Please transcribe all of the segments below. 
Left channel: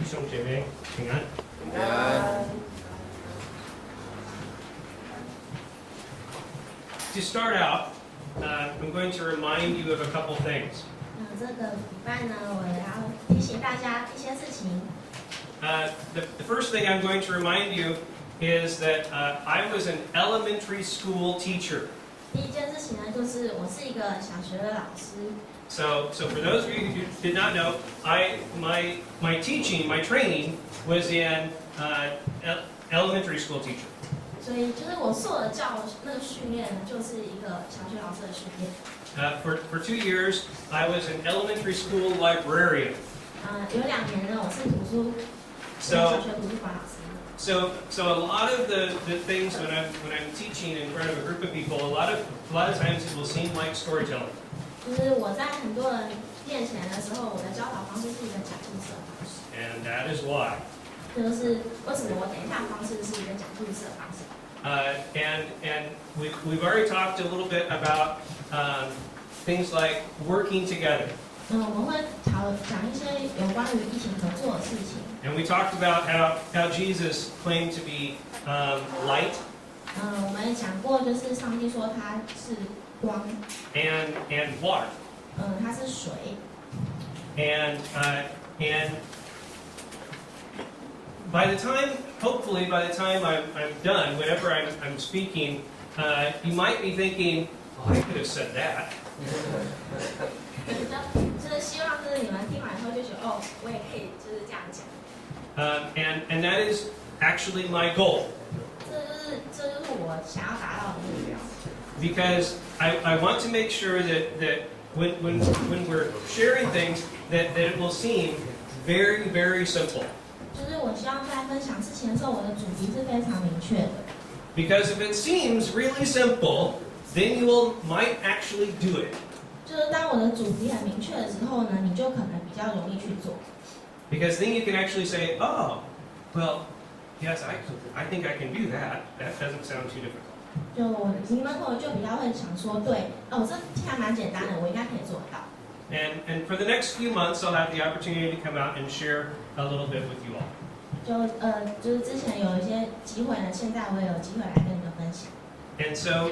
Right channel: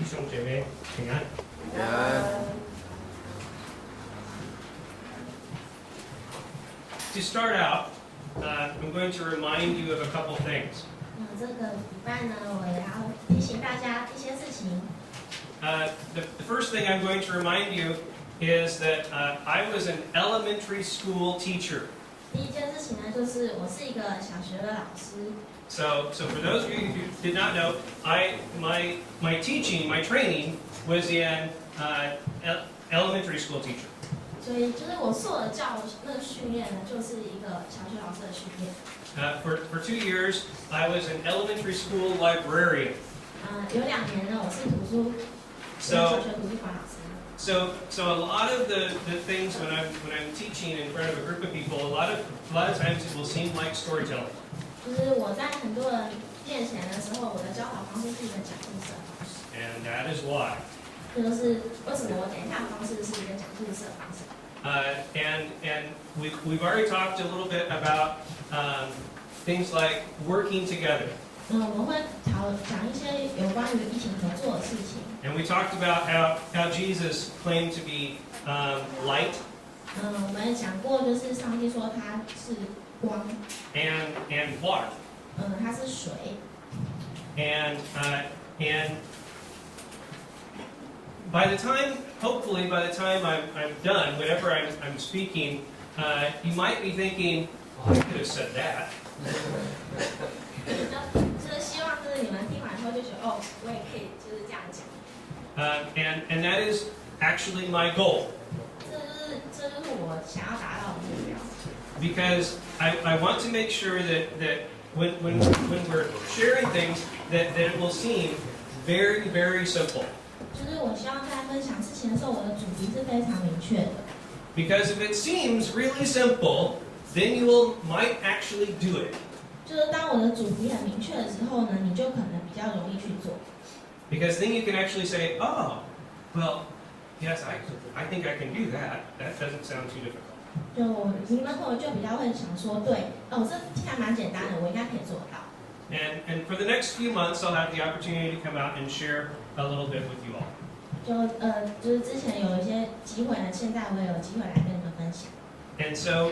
弟兄姐妹平安。平安。To start out, I'm going to remind you of a couple things. 这个礼拜呢，我要提醒大家一些事情。The first thing I'm going to remind you is that I was an elementary school teacher. 第一件事情呢，就是我是一个小学的老师。So for those of you who did not know, my teaching, my training was in elementary school teacher. 所以就是我受的那个训练呢，就是一个小学老师的训练。For 2 years, I was an elementary school librarian. 有2年呢，我是小学图书馆老师。So a lot of the things when I'm teaching in front of a group of people, a lot of times it will seem like storytelling. 就是我在很多人面前的时候，我的教导方式是一个讲故事的方式。And that is why. 这就是为什么我等一下的方式是一个讲故事的方式。And we've already talked a little bit about things like working together. 我们会讲一些有关于一起合作的事情。And we talked about how Jesus claimed to be light. 我们讲过，就是上帝说他是光。And water. 它是水。And hopefully by the time I'm done, whenever I'm speaking, you might be thinking, oh, I could have said that. 就是希望就是你们听完以后就觉得哦，我也可以就是这样讲。And that is actually my goal. 这就是我想要达到的目标。Because I want to make sure that when we're sharing things that it will seem very, very simple. 就是我希望在分享事情的时候，我的主题是非常明确的。Because if it seems really simple, then you might actually do it. 就是当我的主题很明确的时候呢，你就可能比较容易去做。Because then you can actually say, oh, well, yes, I think I can do that. That doesn't sound too difficult. 就你们可能就比较会想说，对，这听起来蛮简单的，我应该可以做得到。And for the next few months, I'll have the opportunity to come out and share a little bit with you all. 就是之前有一些机会呢，现在我也有机会来跟你们分享。And so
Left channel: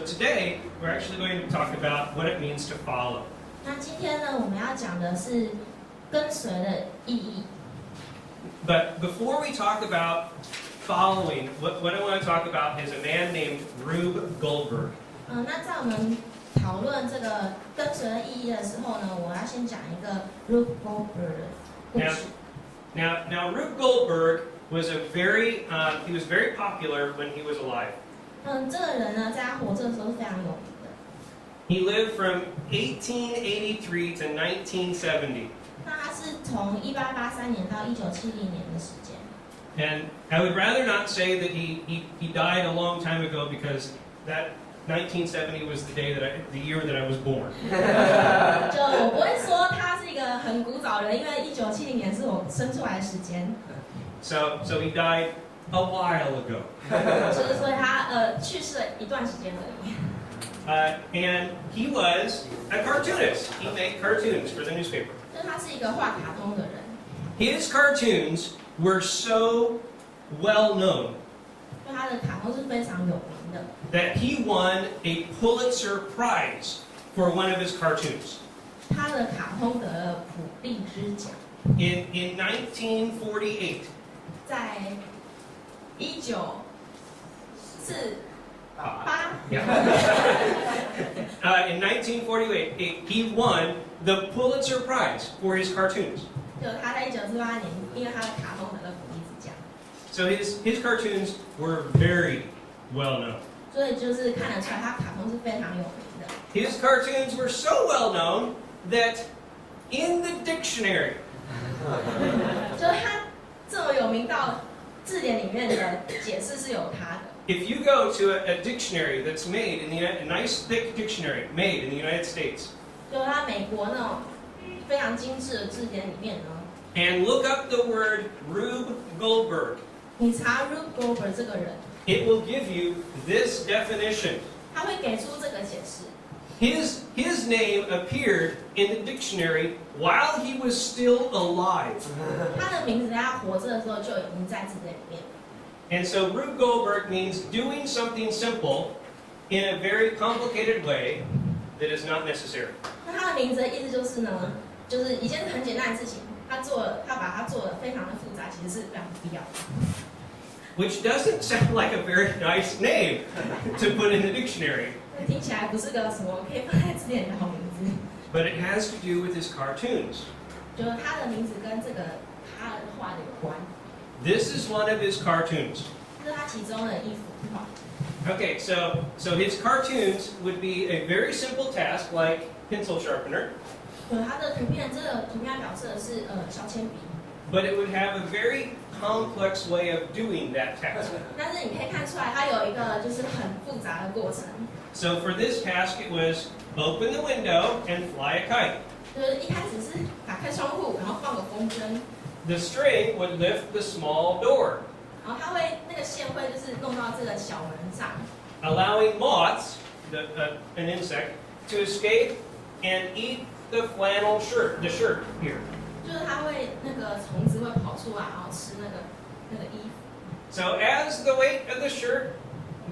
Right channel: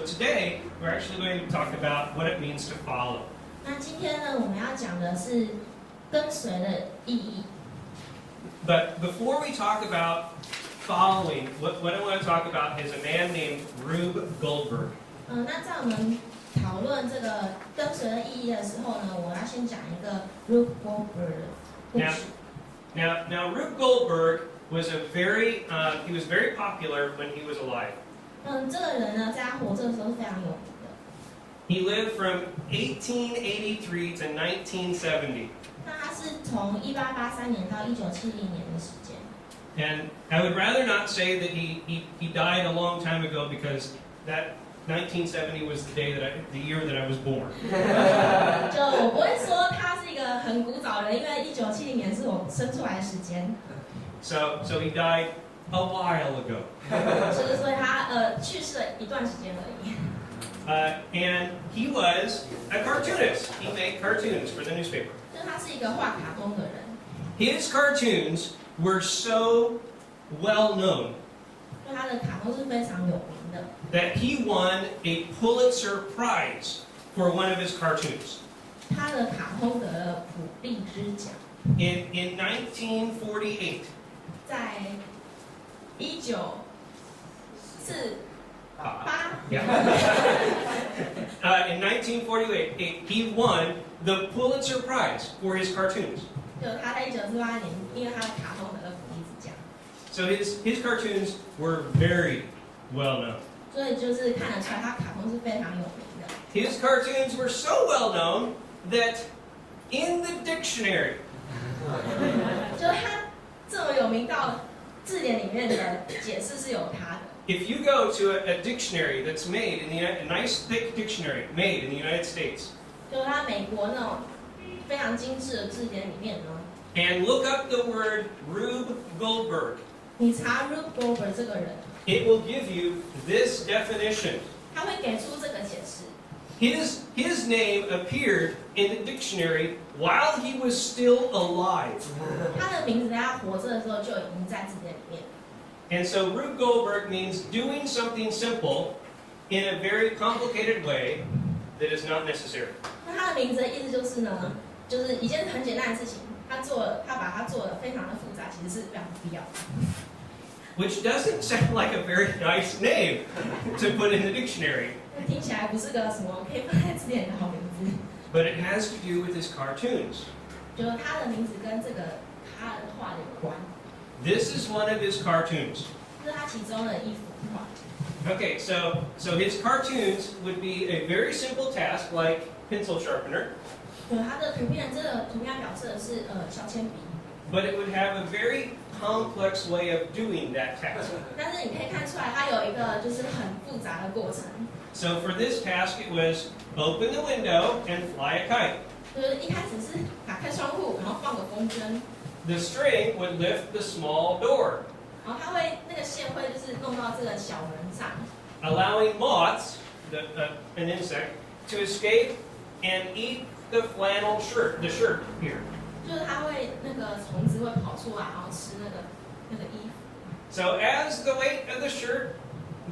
today we're actually going to talk about what it means to follow. 那今天呢，我们要讲的是跟随的意义。But before we talk about following, what I want to talk about is a man named Rube Goldberg. 那在我们讨论这个跟随的意义的时候呢，我要先讲一个 Rube Goldberg 的故事。Now Rube Goldberg was he was very popular when he was alive. 这个人呢，在他活着的时候是非常有名的。He lived from 1883 to 1970. 那他是从1883年到1970年的时间。And I would rather not say that he died a long time ago because that 1970 was the year that I was born. 就我不会说他是一个很古早的人，因为1970年是我生出来的时间。So he died a while ago. 就是所以他去世了一段时间而已。And he was a cartoonist. He made cartoons for the newspaper. 就是他是一个画卡通的人。His cartoons were so well known 就他的卡通是非常有名的。that he won a Pulitzer Prize for one of his cartoons. 他的卡通得了普利兹奖。In 1948. 在1948 in 1948, he won the Pulitzer Prize for his cartoons. 就他在1948年，因为他的卡通得了普利兹奖。So his cartoons were very well known. 所以就是看得出来，他卡通是非常有名的。His cartoons were so well known that in the dictionary, 就是他这么有名到字典里面的解释是有他的。if you go to a dictionary that's made a nice thick dictionary made in the United States, 就他美国那种非常精致的字典里面呢， and look up the word Rube Goldberg, 你查 Rube Goldberg 这个人， it will give you this definition. 他会给出这个解释。His name appeared in the dictionary while he was still alive. 他的名字在他活着的时候就已经在字典里面。And so Rube Goldberg means doing something simple in a very complicated way that is not necessary. 那他的名字的意思就是呢，就是一件很简单的事情，他把它做得非常的复杂，其实是非常必要的。Which doesn't sound like a very nice name to put in the dictionary. 听起来不是个什么可以放在字典的好名字。But it has to do with his cartoons. 就是他的名字跟这个他的画的有关。This is one of his cartoons. 这是他其中的一幅画。Okay, so his cartoons would be a very simple task like pencil sharpener. 他的图片，这个图片表示的是削铅笔。But it would have a very complex way of doing that task. 但是你可以看出来，它有一个就是很复杂的过程。So for this task, it was open the window and fly a kite. 就是一开始是打开窗户，然后放个风筝。The string would lift the small door, 然后它会那个线会就是弄到这个小门上， allowing moths, an insect, to escape and eat the flannel shirt, the shirt here. 就是它会那个虫子会跑出来，然后吃那个衣服。So as the weight of the shirt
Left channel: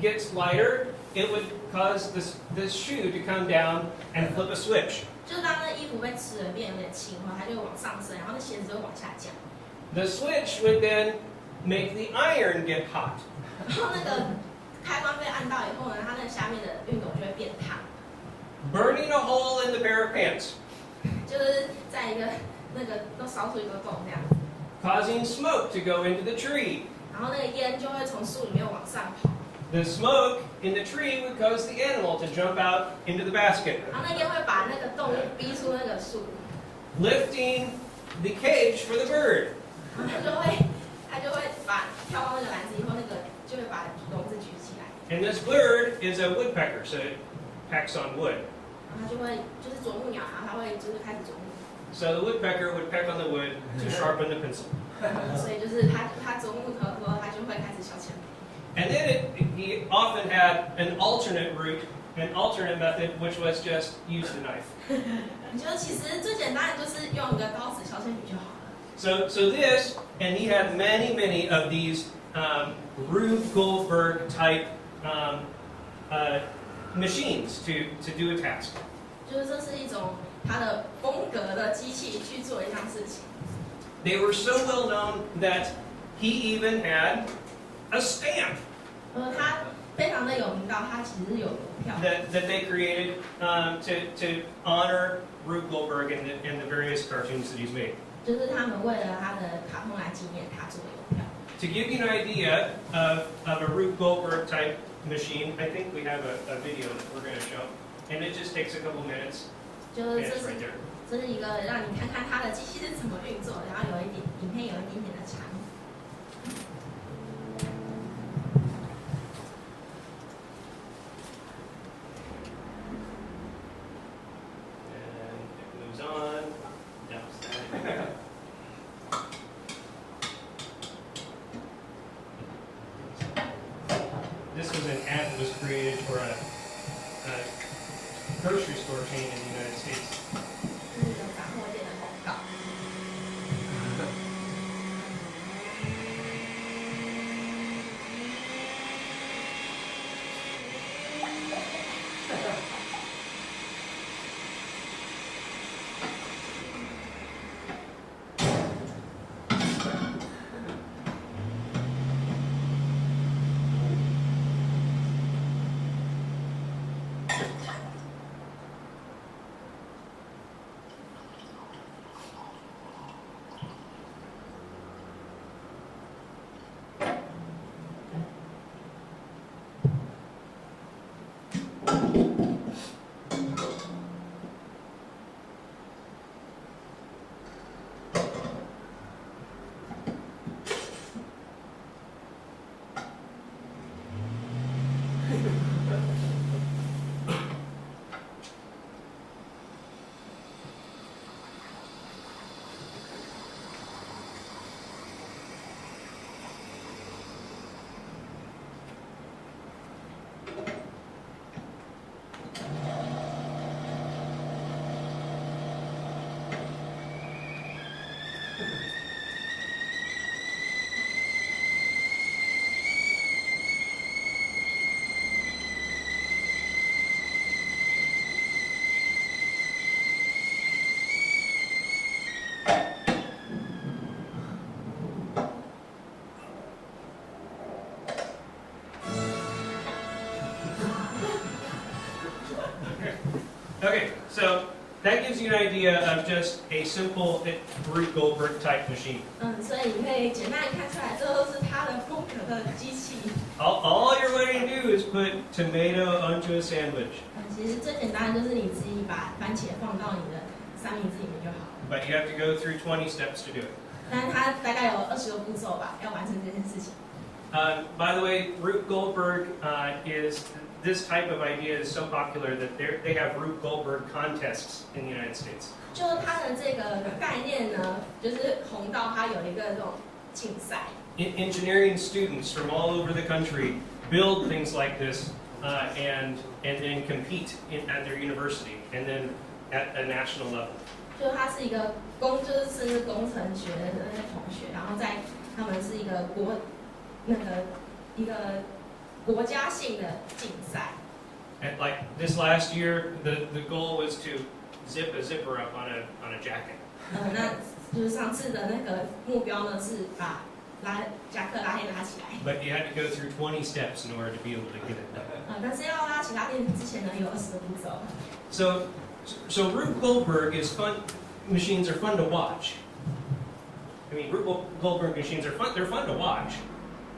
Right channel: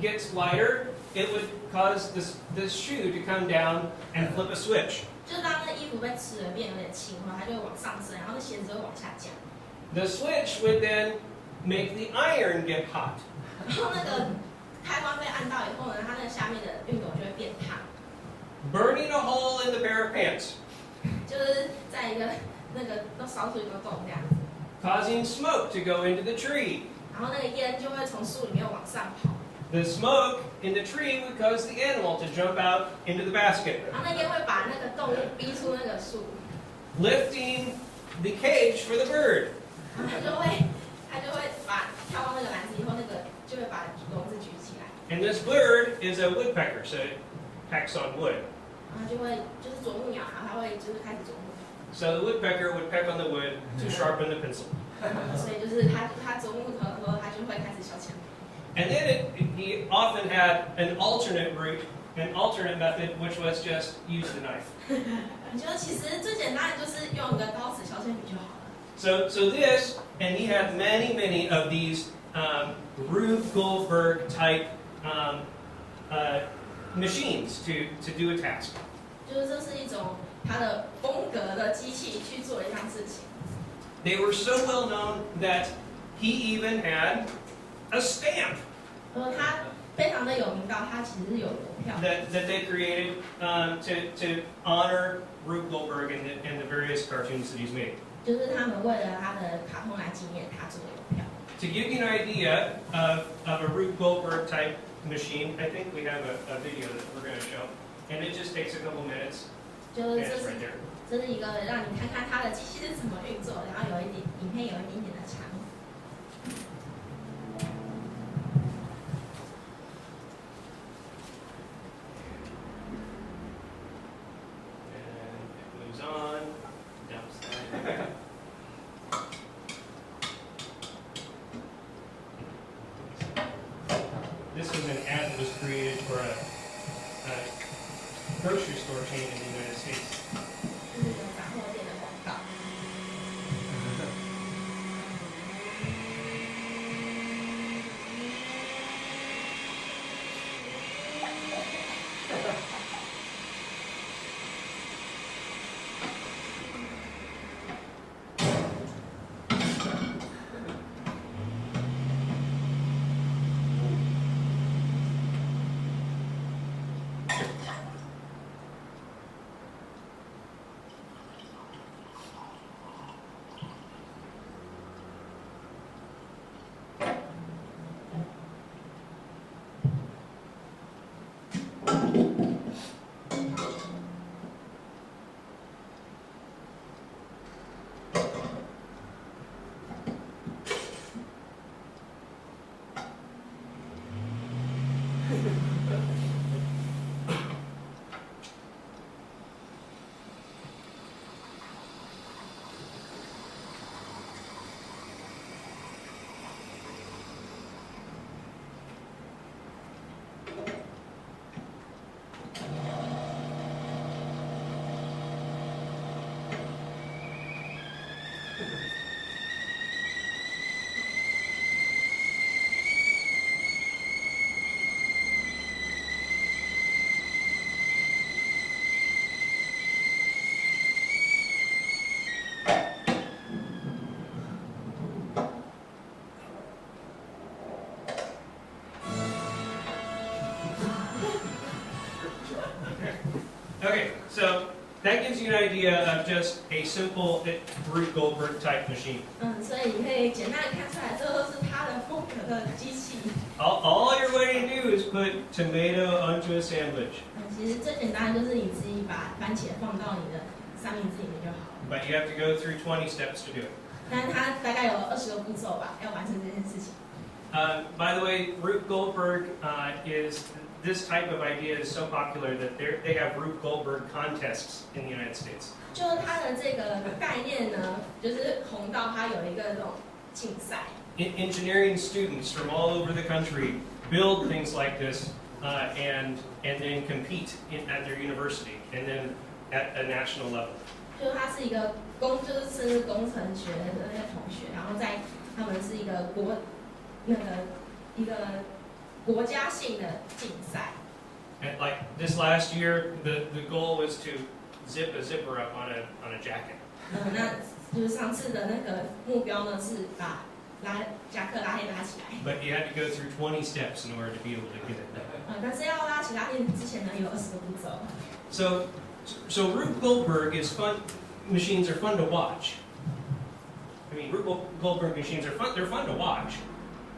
gets lighter, it would cause the shoe to come down and flip a switch. 就是当那衣服被吃了变有点轻的话，它就会往上升，然后那鞋子就会往下降。The switch would then make the iron get hot. 然后那个开关被按到以后呢，它那个下面的熨斗就会变烫， Burning a hole in the pair of pants, 就是在一个那个都烧出一个洞这样子， causing smoke to go into the tree. 然后那个烟就会从树里面往上跑， The smoke in the tree would cause the animal to jump out into the basket, 然后那烟会把那个动物逼出那个树， lifting the cage for the bird. 然后它就会把跳到那个篮子以后，那个就会把笼子举起来， And this bird is a woodpecker, so it pecks on wood. 然后它就会就是啄木鸟，然后它会就是开始啄木， So the woodpecker would peck on the wood to sharpen the pencil. 所以就是它啄木头的时候，它就会开始削铅笔。 And then he often had an alternate route, an alternate method, which was just use the knife. 你觉得其实最简单的就是用一个刀子削铅笔就好了。 So this, and he had many of these Rube Goldberg type machines to do a task. 就是这是一种它的风格的机器去做一项事情。 They were so well known that he even had a stamp 它非常的有名到它其实是有邮票， that they created to honor Rube Goldberg and the various cartoons that he's made. 就是他们为了他的卡通来纪念他做的邮票。 To give you an idea of a Rube Goldberg type machine, I think we have a video that we're going to show, and it just takes a couple minutes. 就 And 是 it's right there. 这是一个让你看看它的机器是怎么运作，然后有一点影片有一点点的长。 And it moves on. Down. This was an ad that was created for a grocery store chain in the United States. 就是有杂货店的广告。idea of just a simple Rube Goldberg type machine. 所以你可以简单的看出来，这都是它的风格的机器。All you're waiting to do is put tomato onto a sandwich. 其实最简单的就是你自己把番茄放到你的三明治里面就好了。But you have to go through 20 steps to do it. 但是它大概有20个步骤吧，要完成这件事情。By the way, Rube Goldberg this type of idea is so popular that they have Rube Goldberg contests in the United States. 就它的这个概念呢，就是红到它有一个这种竞赛。Engineering students from all over the country build things like this and then compete at their university and then at a national level. 就它是一个就是甚至工程学的那些同学，然后他们是一个国家性的竞赛。And like this last year, the goal was to zip a zipper up on a jacket. 那就是上次的那个目标呢，是把夹克拉链拉起来。But you had to go through 20 steps in order to be able to get it done. 但是要拉起拉链之前呢，有20个步骤。So Rube Goldberg is fun. Machines are fun to watch. I mean, Rube Goldberg machines are fun. They're fun to watch.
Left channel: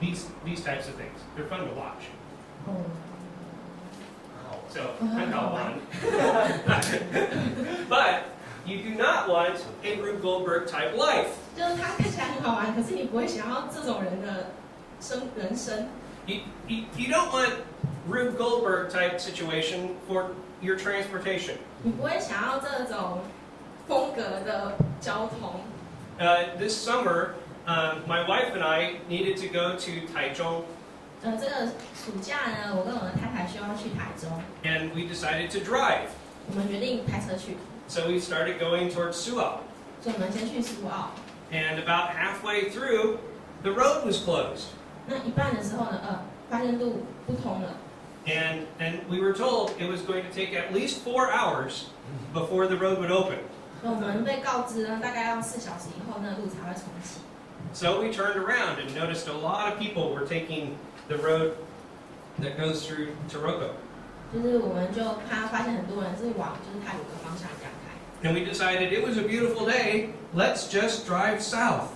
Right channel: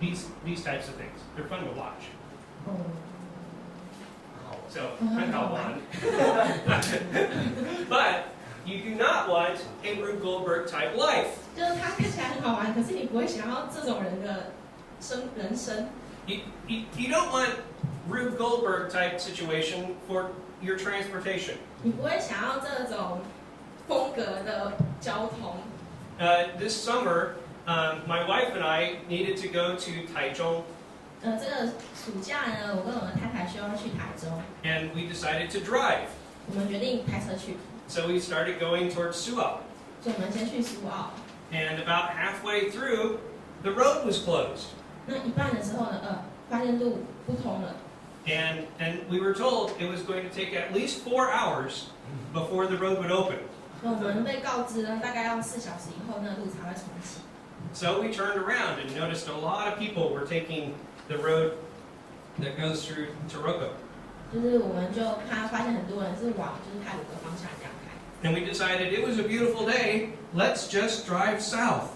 These types of things. They're fun to watch. So, 很好玩. But you do not want a Rube Goldberg type life. 就是它看起来很好玩，可是你不会想要这种人的人生。You don't want Rube Goldberg type situation for your transportation. 你不会想要这种风格的交通。This summer, my wife and I needed to go to Taichung. 这个暑假呢，我跟我的太太需要去台中。And we decided to drive. 我们决定开车去。So we started going towards Suao. 所以我们先去苏澳。And about halfway through, the road was closed. 那一半的时候呢，发现路不通了。And we were told it was going to take at least 4 hours before the road would open. 所以我们被告知呢，大概要4小时以后，那路才会重启。So we turned around and noticed a lot of people were taking the road that goes through Taroko. 就是我们就发现很多人是往就是泰鲁格方向这样开。And we decided it was a beautiful day. Let's just drive south.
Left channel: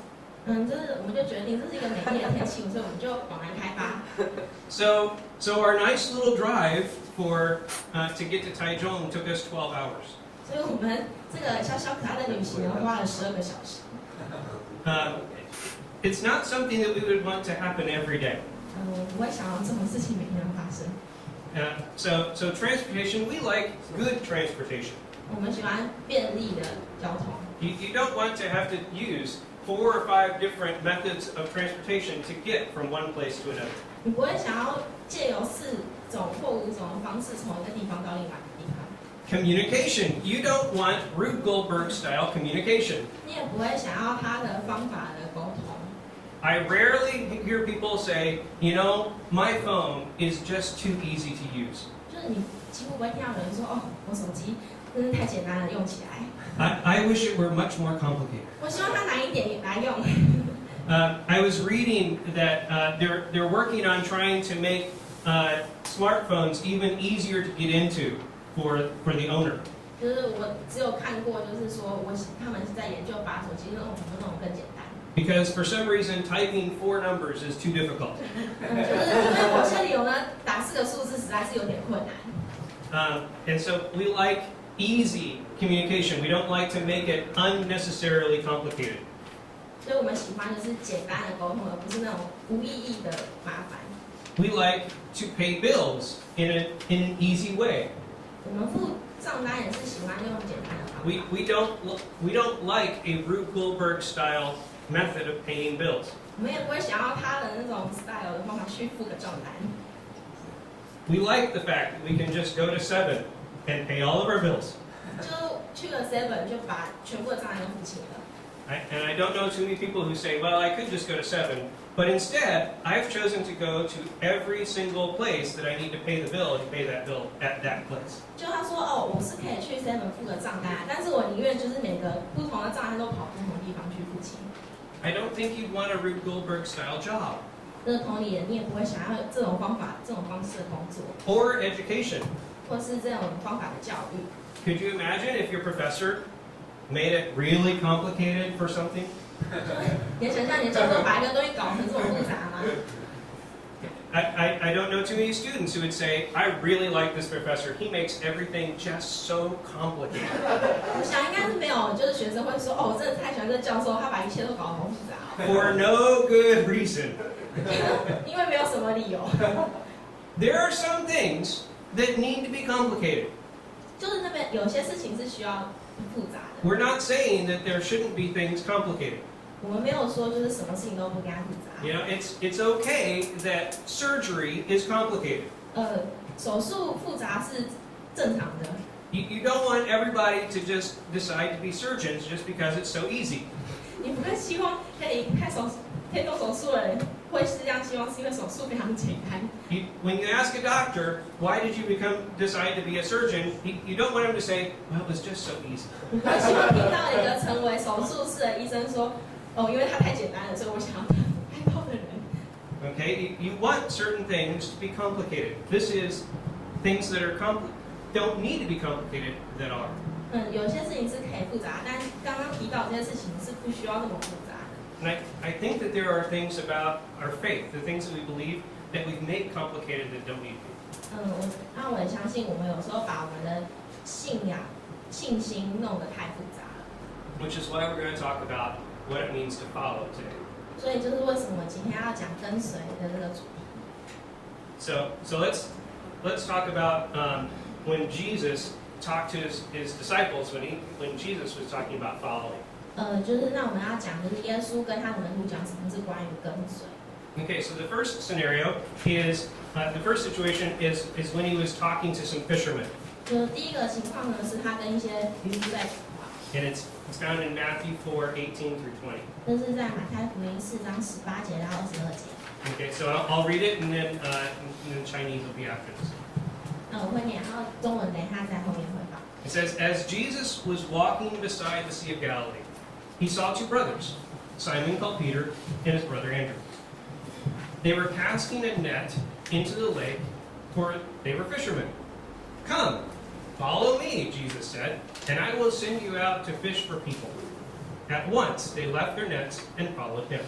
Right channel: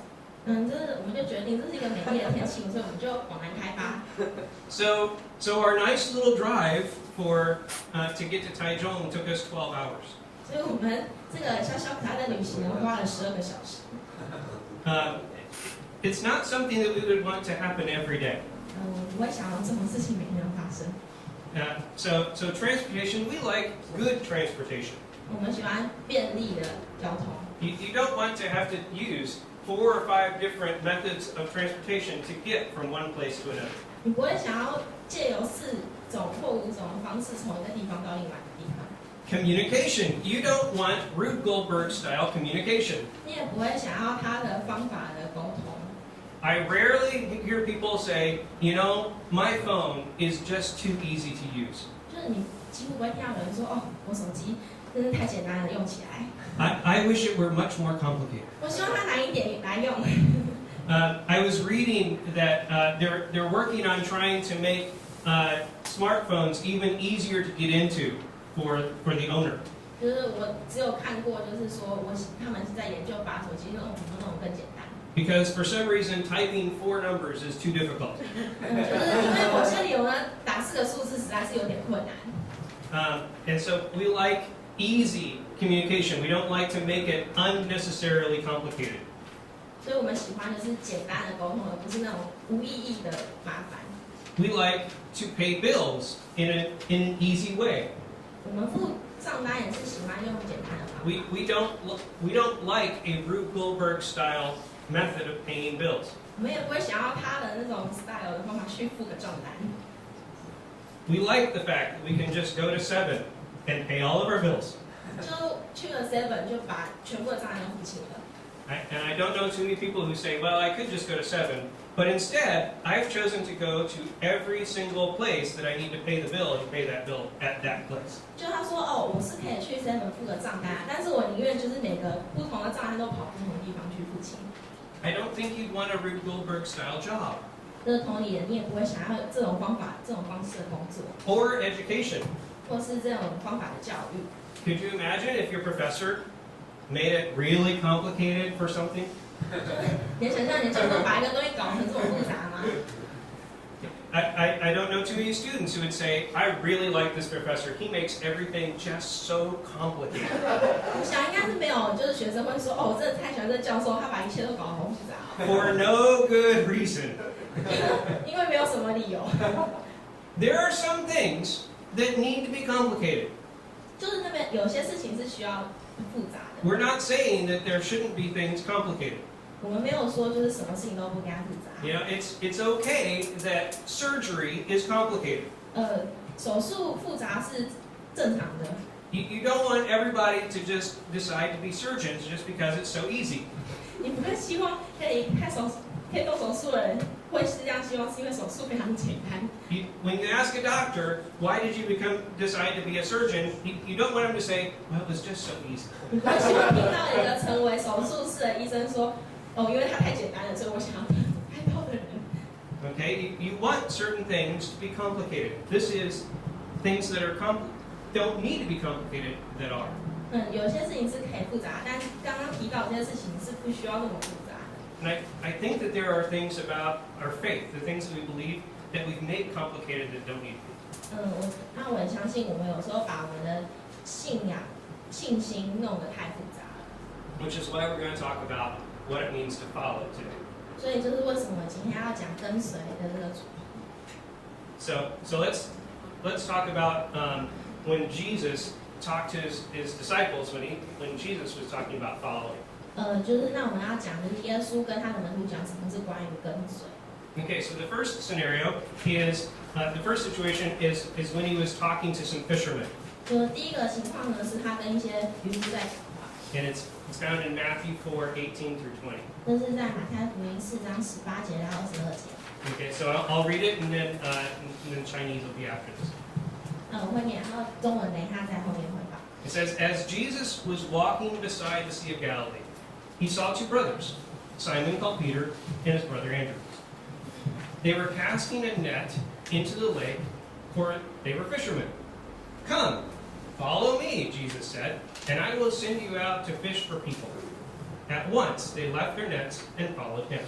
我们就决定这是一个美丽的天气，所以我们就往南开发。So our nice little drive to get to Taichung took us 12 hours. 所以我们这个小小可爱的旅行呢，花了12个小时。It's not something that we would want to happen every day. 我不会想要这种事情每天都发生。So transportation, we like good transportation. 我们喜欢便利的交通。You don't want to have to use 4 or 5 different methods of transportation to get from one place to another. 你不会想要借由4种或5种的方式从一个地方到另外一个地方。Communication. You don't want Rube Goldberg style communication. 你也不会想要他的方法的沟通。I rarely hear people say, you know, my phone is just too easy to use. 就是你几乎不会听到有人说，哦，我手机真是太简单了，用起来。I wish it were much more complicated. 我希望它难一点来用。I was reading that they're working on trying to make smartphones even easier to get into for the owner. 就是我只有看过，就是说他们是在研究把手机弄更简单。Because for some reason typing 4 numbers is too difficult. 就是因为某些理由呢，打4个数字实在是有点困难。And so we like easy communication. We don't like to make it unnecessarily complicated. 所以我们喜欢的是简单的沟通，而不是那种无意义的麻烦。We like to pay bills in an easy way. 我们付账单也是喜欢用简单的方法。We don't like a Rube Goldberg style method of paying bills. 我们也不会想要他的那种 style 的方法去付个账单。We like the fact that we can just go to 7 and pay all of our bills. 就去了 7 就把全部的账单都付清了。And I don't know too many people who say, well, I could just go to 7. But instead, I've chosen to go to every single place that I need to pay the bill and pay that bill at that place. 就他说哦，我是可以去 7 付个账单，但是我宁愿就是每个不同的账单都跑不同的地方去付清。I don't think you'd want a Rube Goldberg style job. 这个同理，你也不会想要这种方式的工作， Or education. 或是这种方法的教育。Could you imagine if your professor made it really complicated for something? 你想象你教授把一个东西搞成这么复杂吗？ I don't know too many students who would say, I really like this professor. He makes everything just so complicated. 我想应该是没有，就是学生会说，哦，我真的太喜欢这教授，他把一切都搞得好复杂。For no good reason. 因为没有什么理由。There are some things that need to be complicated. 就是那边有些事情是需要复杂的。We're not saying that there shouldn't be things complicated. 我们没有说就是什么事情都不该复杂。You know, it's okay that surgery is complicated. 手术复杂是正常的。You don't want everybody to just decide to be surgeons just because it's so easy. 你不会希望可以动手术的人会是这样希望，是因为手术非常简单。When you ask a doctor, why did you decide to be a surgeon? You don't want him to say, well, it was just so easy. 你不会希望听到一个成为手术室的医生说，哦，因为它太简单了，所以我想要开刀的人。Okay, you want certain things to be complicated. This is things that don't need to be complicated that are. 有些事情是可以复杂，但刚刚提到这些事情是不需要那么复杂的。And I think that there are things about our faith, the things that we believe, that we've made complicated that don't need to be. 那我也相信，我们有时候把我们的信心弄得太复杂了。Which is why we're going to talk about what it means to follow today. 所以就是为什么今天要讲跟随的这个主题。So let's talk about when Jesus talked to his disciples when Jesus was talking about following. 就是那我们要讲的是耶稣跟他的门徒讲什么是关于跟随。Okay, so the first scenario is the first situation is when he was talking to some fishermen. 第一个情况呢是他跟一些渔夫在讲话。And it's found in Matthew 4:18-20. 这是在马太福音4章18节到22节。Okay, so I'll read it and then Chinese will be after this. 我会念，然后中文等一下在后面会放。It says, as Jesus was walking beside the Sea of Galilee, he saw two brothers, Simon called Peter and his brother Andrew. They were casting a net into the lake, for they were fishermen. Come, follow me, Jesus said, and I will send you out to fish for people. At once they left their nets and followed him.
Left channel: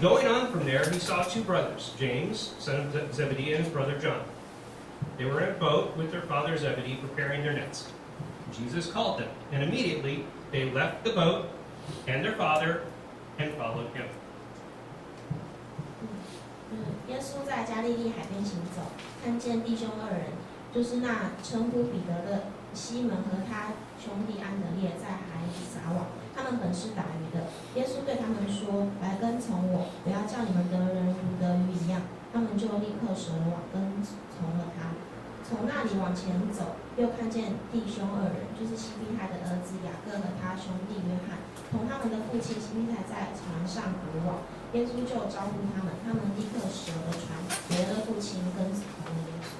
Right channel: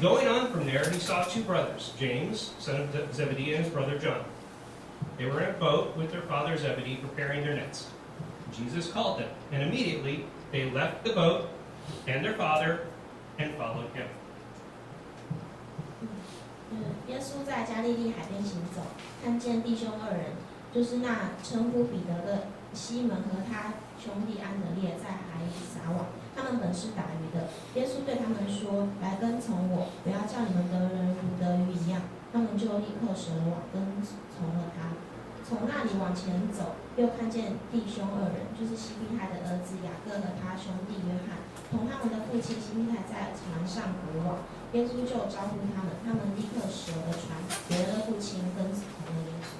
Going on from there, he saw two brothers, James, son of Zebedee, and his brother John. They were in a boat with their father Zebedee preparing their nets. Jesus called them, and immediately they left the boat and their father and followed him. 耶稣在加利利海边行走，看见弟兄二人，就是那称呼彼得的西门和他兄弟安德烈在海里撒网，他们本是打鱼的。耶稣对他们说：“来跟从我，不要叫你们得人如得鱼一样。”他们就立刻舍了网，跟从了他。从那里往前走，又看见弟兄二人，就是西庇太的儿子雅各和他兄弟约翰，同他们的父亲西庇太在船上捕网。耶稣就招呼他们，他们立刻舍了船，别了父亲，跟从了耶稣。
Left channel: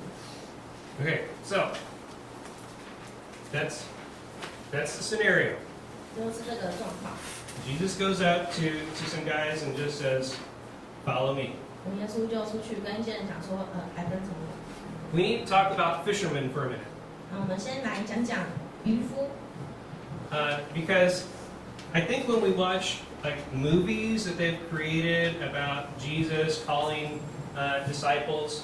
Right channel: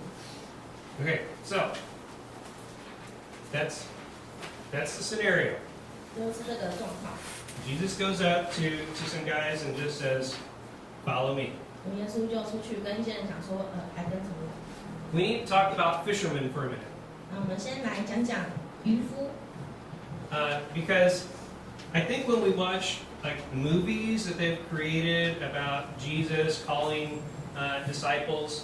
Okay, so that's the scenario. 就是这个状况。Jesus goes out to some guys and just says, "Follow me." 耶稣就出去跟一些人讲说，来跟从我。We need to talk about fishermen for a minute. 我们先来讲讲渔夫。Because I think when we watch like movies that they've created about Jesus calling disciples,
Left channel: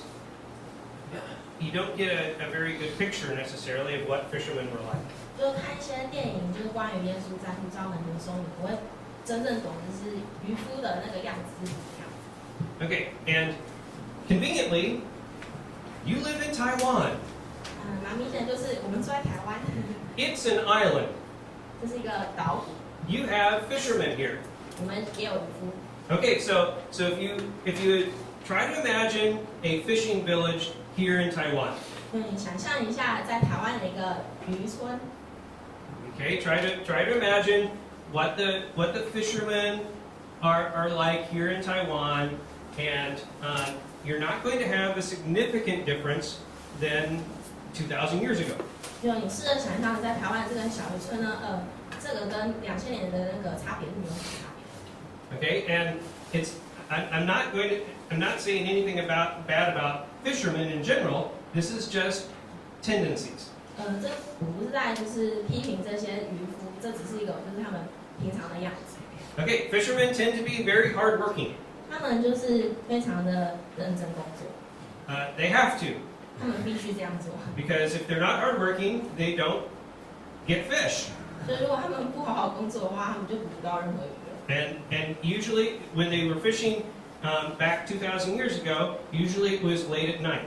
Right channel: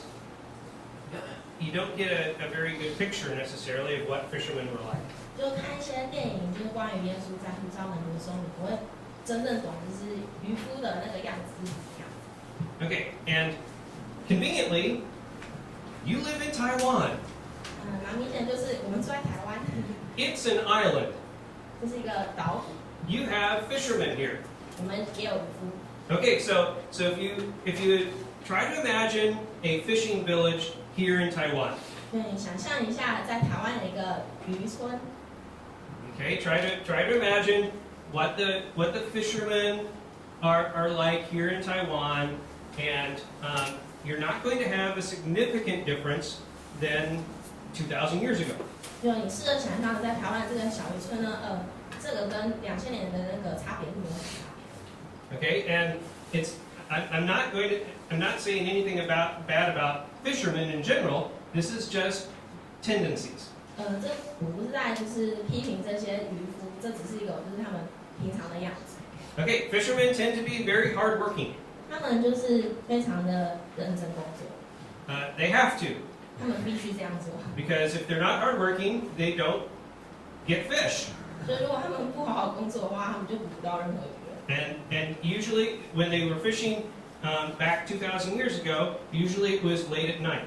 you don't get a very good picture necessarily of what fishermen were like. 就看一些电影，就是关于耶稣在呼召门徒的时候，你不会真正懂，就是渔夫的那个样子是怎么样。Okay, and conveniently, you live in Taiwan. 蛮明显就是我们住在台湾。It's an island. 这是一个岛屿。You have fishermen here. 我们也有渔夫。Okay, so if you try to imagine a fishing village here in Taiwan. 对，你想象一下，在台湾的一个渔村。Okay, try to imagine what the fishermen are like here in Taiwan, and you're not going to have a significant difference than 2,000 years ago. 就你试着想象，在台湾这个小渔村呢，这个跟2000年的那个差别是没有什么差别。Okay, and I'm not saying anything bad about fishermen in general. This is just tendencies. 这我不是在就是批评这些渔夫，这只是一个就是他们平常的样子。Okay, fishermen tend to be very hardworking. 他们就是非常的认真工作， They have to, 他们必须这样做。 because if they're not hardworking, they don't get fish. 所以如果他们不好好工作的话，他们就捕不到任何鱼了。 And usually, when they were fishing back 2,000 years ago, usually it was late at night.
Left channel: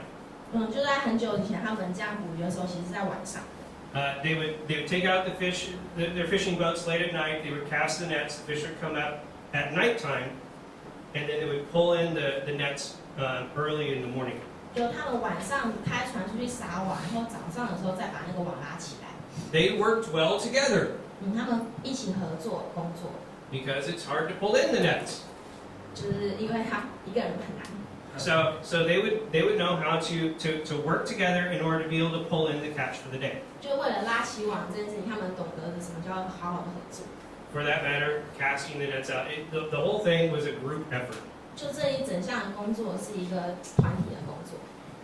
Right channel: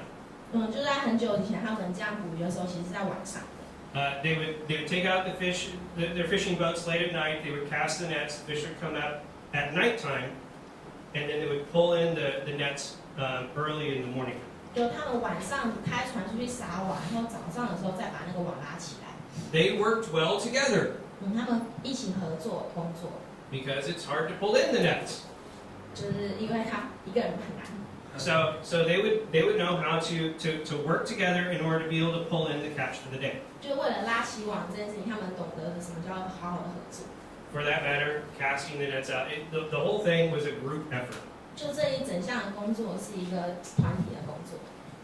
就在很久以前，他们这样捕鱼的时候，其实是在晚上的。They would take out the fish, their fishing boats late at night. They would cast the nets. The fish would come out at nighttime, and then they would pull in the nets early in the morning. 就他们晚上开船出去撒网，然后早上的时候再把那个网拉起来。 They worked well together 他们一起合作工作， because it's hard to pull in the nets. 就是因为他一个人很难。 So they would know how to work together in order to be able to pull in the catch for the day. 就为了拉起网这件事情，他们懂得什么叫好好的合作。 For that matter, casting the nets out. The whole thing was a group effort. 就这一整项的工作是一个团体的工作，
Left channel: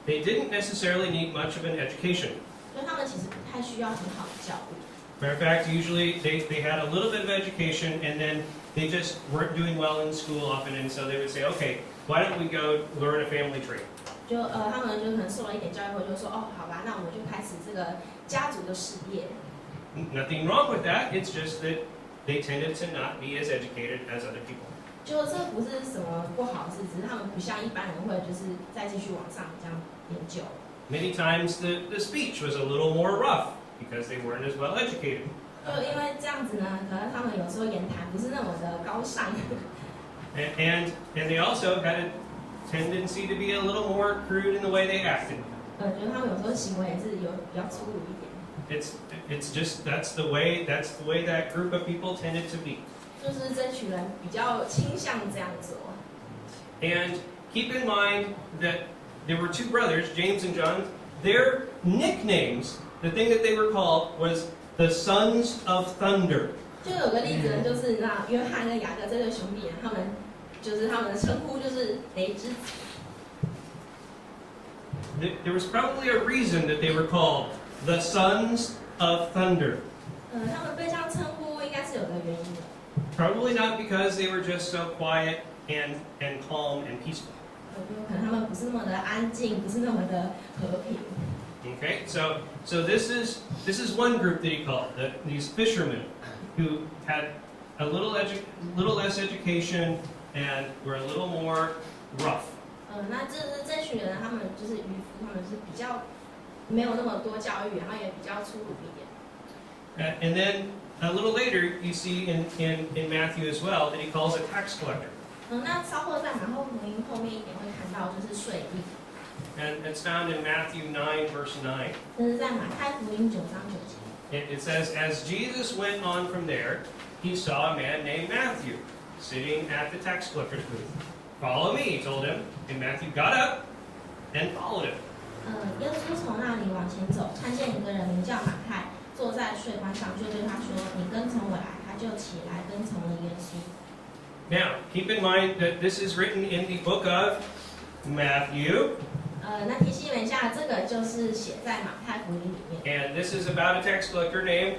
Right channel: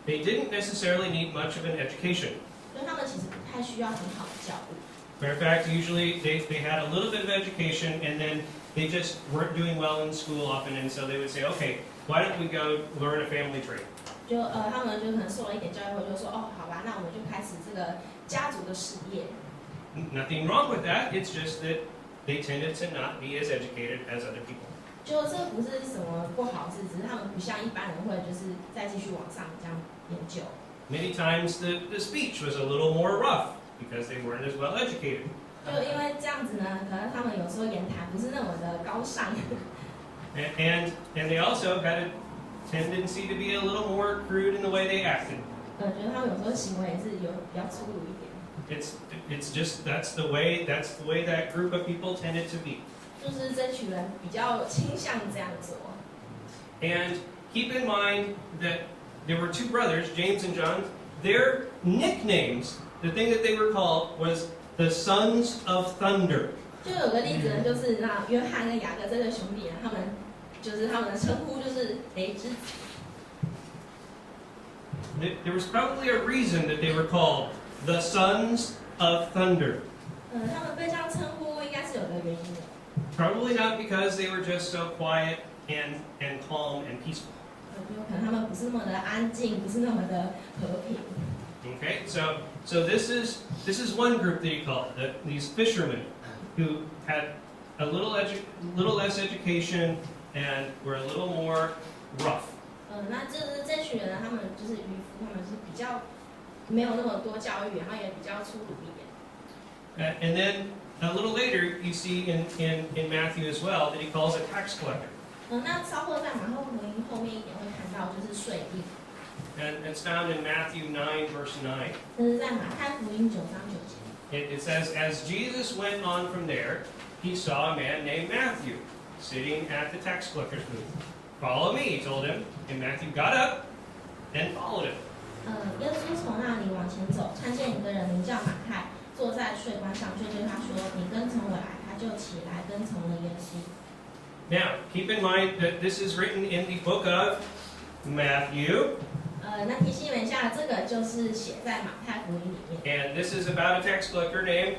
They didn't necessarily need much of an education. 所以他们其实不太需要很好的教育。 Matter of fact, usually they had a little bit of education and then they just weren't doing well in school often, and so they would say, okay, why don't we go learn a family trade? 就他们就可能受了一点教育后，就说哦，好吧，那我们就开始这个家族的事业。 Nothing wrong with that. It's just that they tended to not be as educated as other people. 就这不是什么不好事，只是他们不像一般人会就是再继续往上这样研究。 Many times the speech was a little more rough because they weren't as well educated. 就因为这样子呢，可能他们有时候言谈不是那么的高尚。 And they also had a tendency to be a little more crude in the way they acted. 觉得他们有时候行为也是有比较粗鲁一点。 It's just that's the way that group of people tended to be. 就是这群人比较倾向这样做。 And keep in mind that there were two brothers, James and John. Their nicknames, the thing that they were called, was the sons of thunder. 就有个例子呢，就是那约翰跟雅各这对兄弟呢，他们的称呼就是雷之子。 There was probably a reason that they were called the sons of thunder. 他们被这样称呼，应该是有个原因的。 Probably not because they were just so quiet and calm and peaceful. 有可能他们不是那么的安静，不是那么的和平。 Okay, so this is one group that he called these fishermen who had a little less education and were a little more rough. 那就是这群人，他们就是渔夫，他们是比较没有那么多教育，然后也比较粗鲁一点。 And then a little later, you see in Matthew as well that he calls a tax collector. 那稍后在马可福音后面一点会看到，就是税吏。 And it's found in Matthew 9, verse 9. 这是在马太福音9章9节。 It says, as Jesus went on from there, he saw a man named Matthew sitting at the tax collector's booth. Follow me, he told him. And Matthew got up and followed him. 耶稣从那里往前走，看见一个人名叫马太，坐在税关上，就对他说：“你跟从我来。”他就起来跟从了耶稣。 Now, keep in mind that this is written in the book of Matthew. 那提醒你们一下，这个就是写在马太福音里面。 And this is about a tax collector named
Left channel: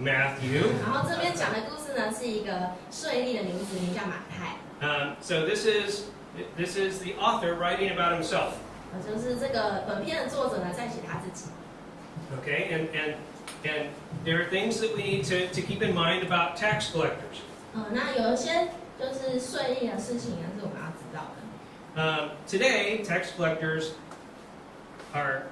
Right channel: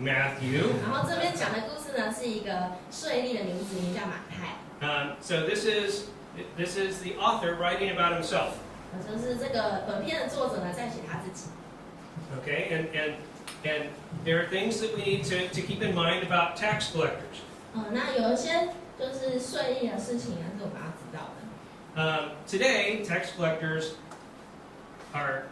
Matthew. 然后这边讲的故事呢，是一个税吏的名字，名叫马太。So this is the author writing about himself. 就是这个本片的作者呢，在写他自己。 Okay, and there are things that we need to keep in mind about tax collectors. 那有一些就是税吏的事情呢，是我们要知道的。 Today, tax collectors are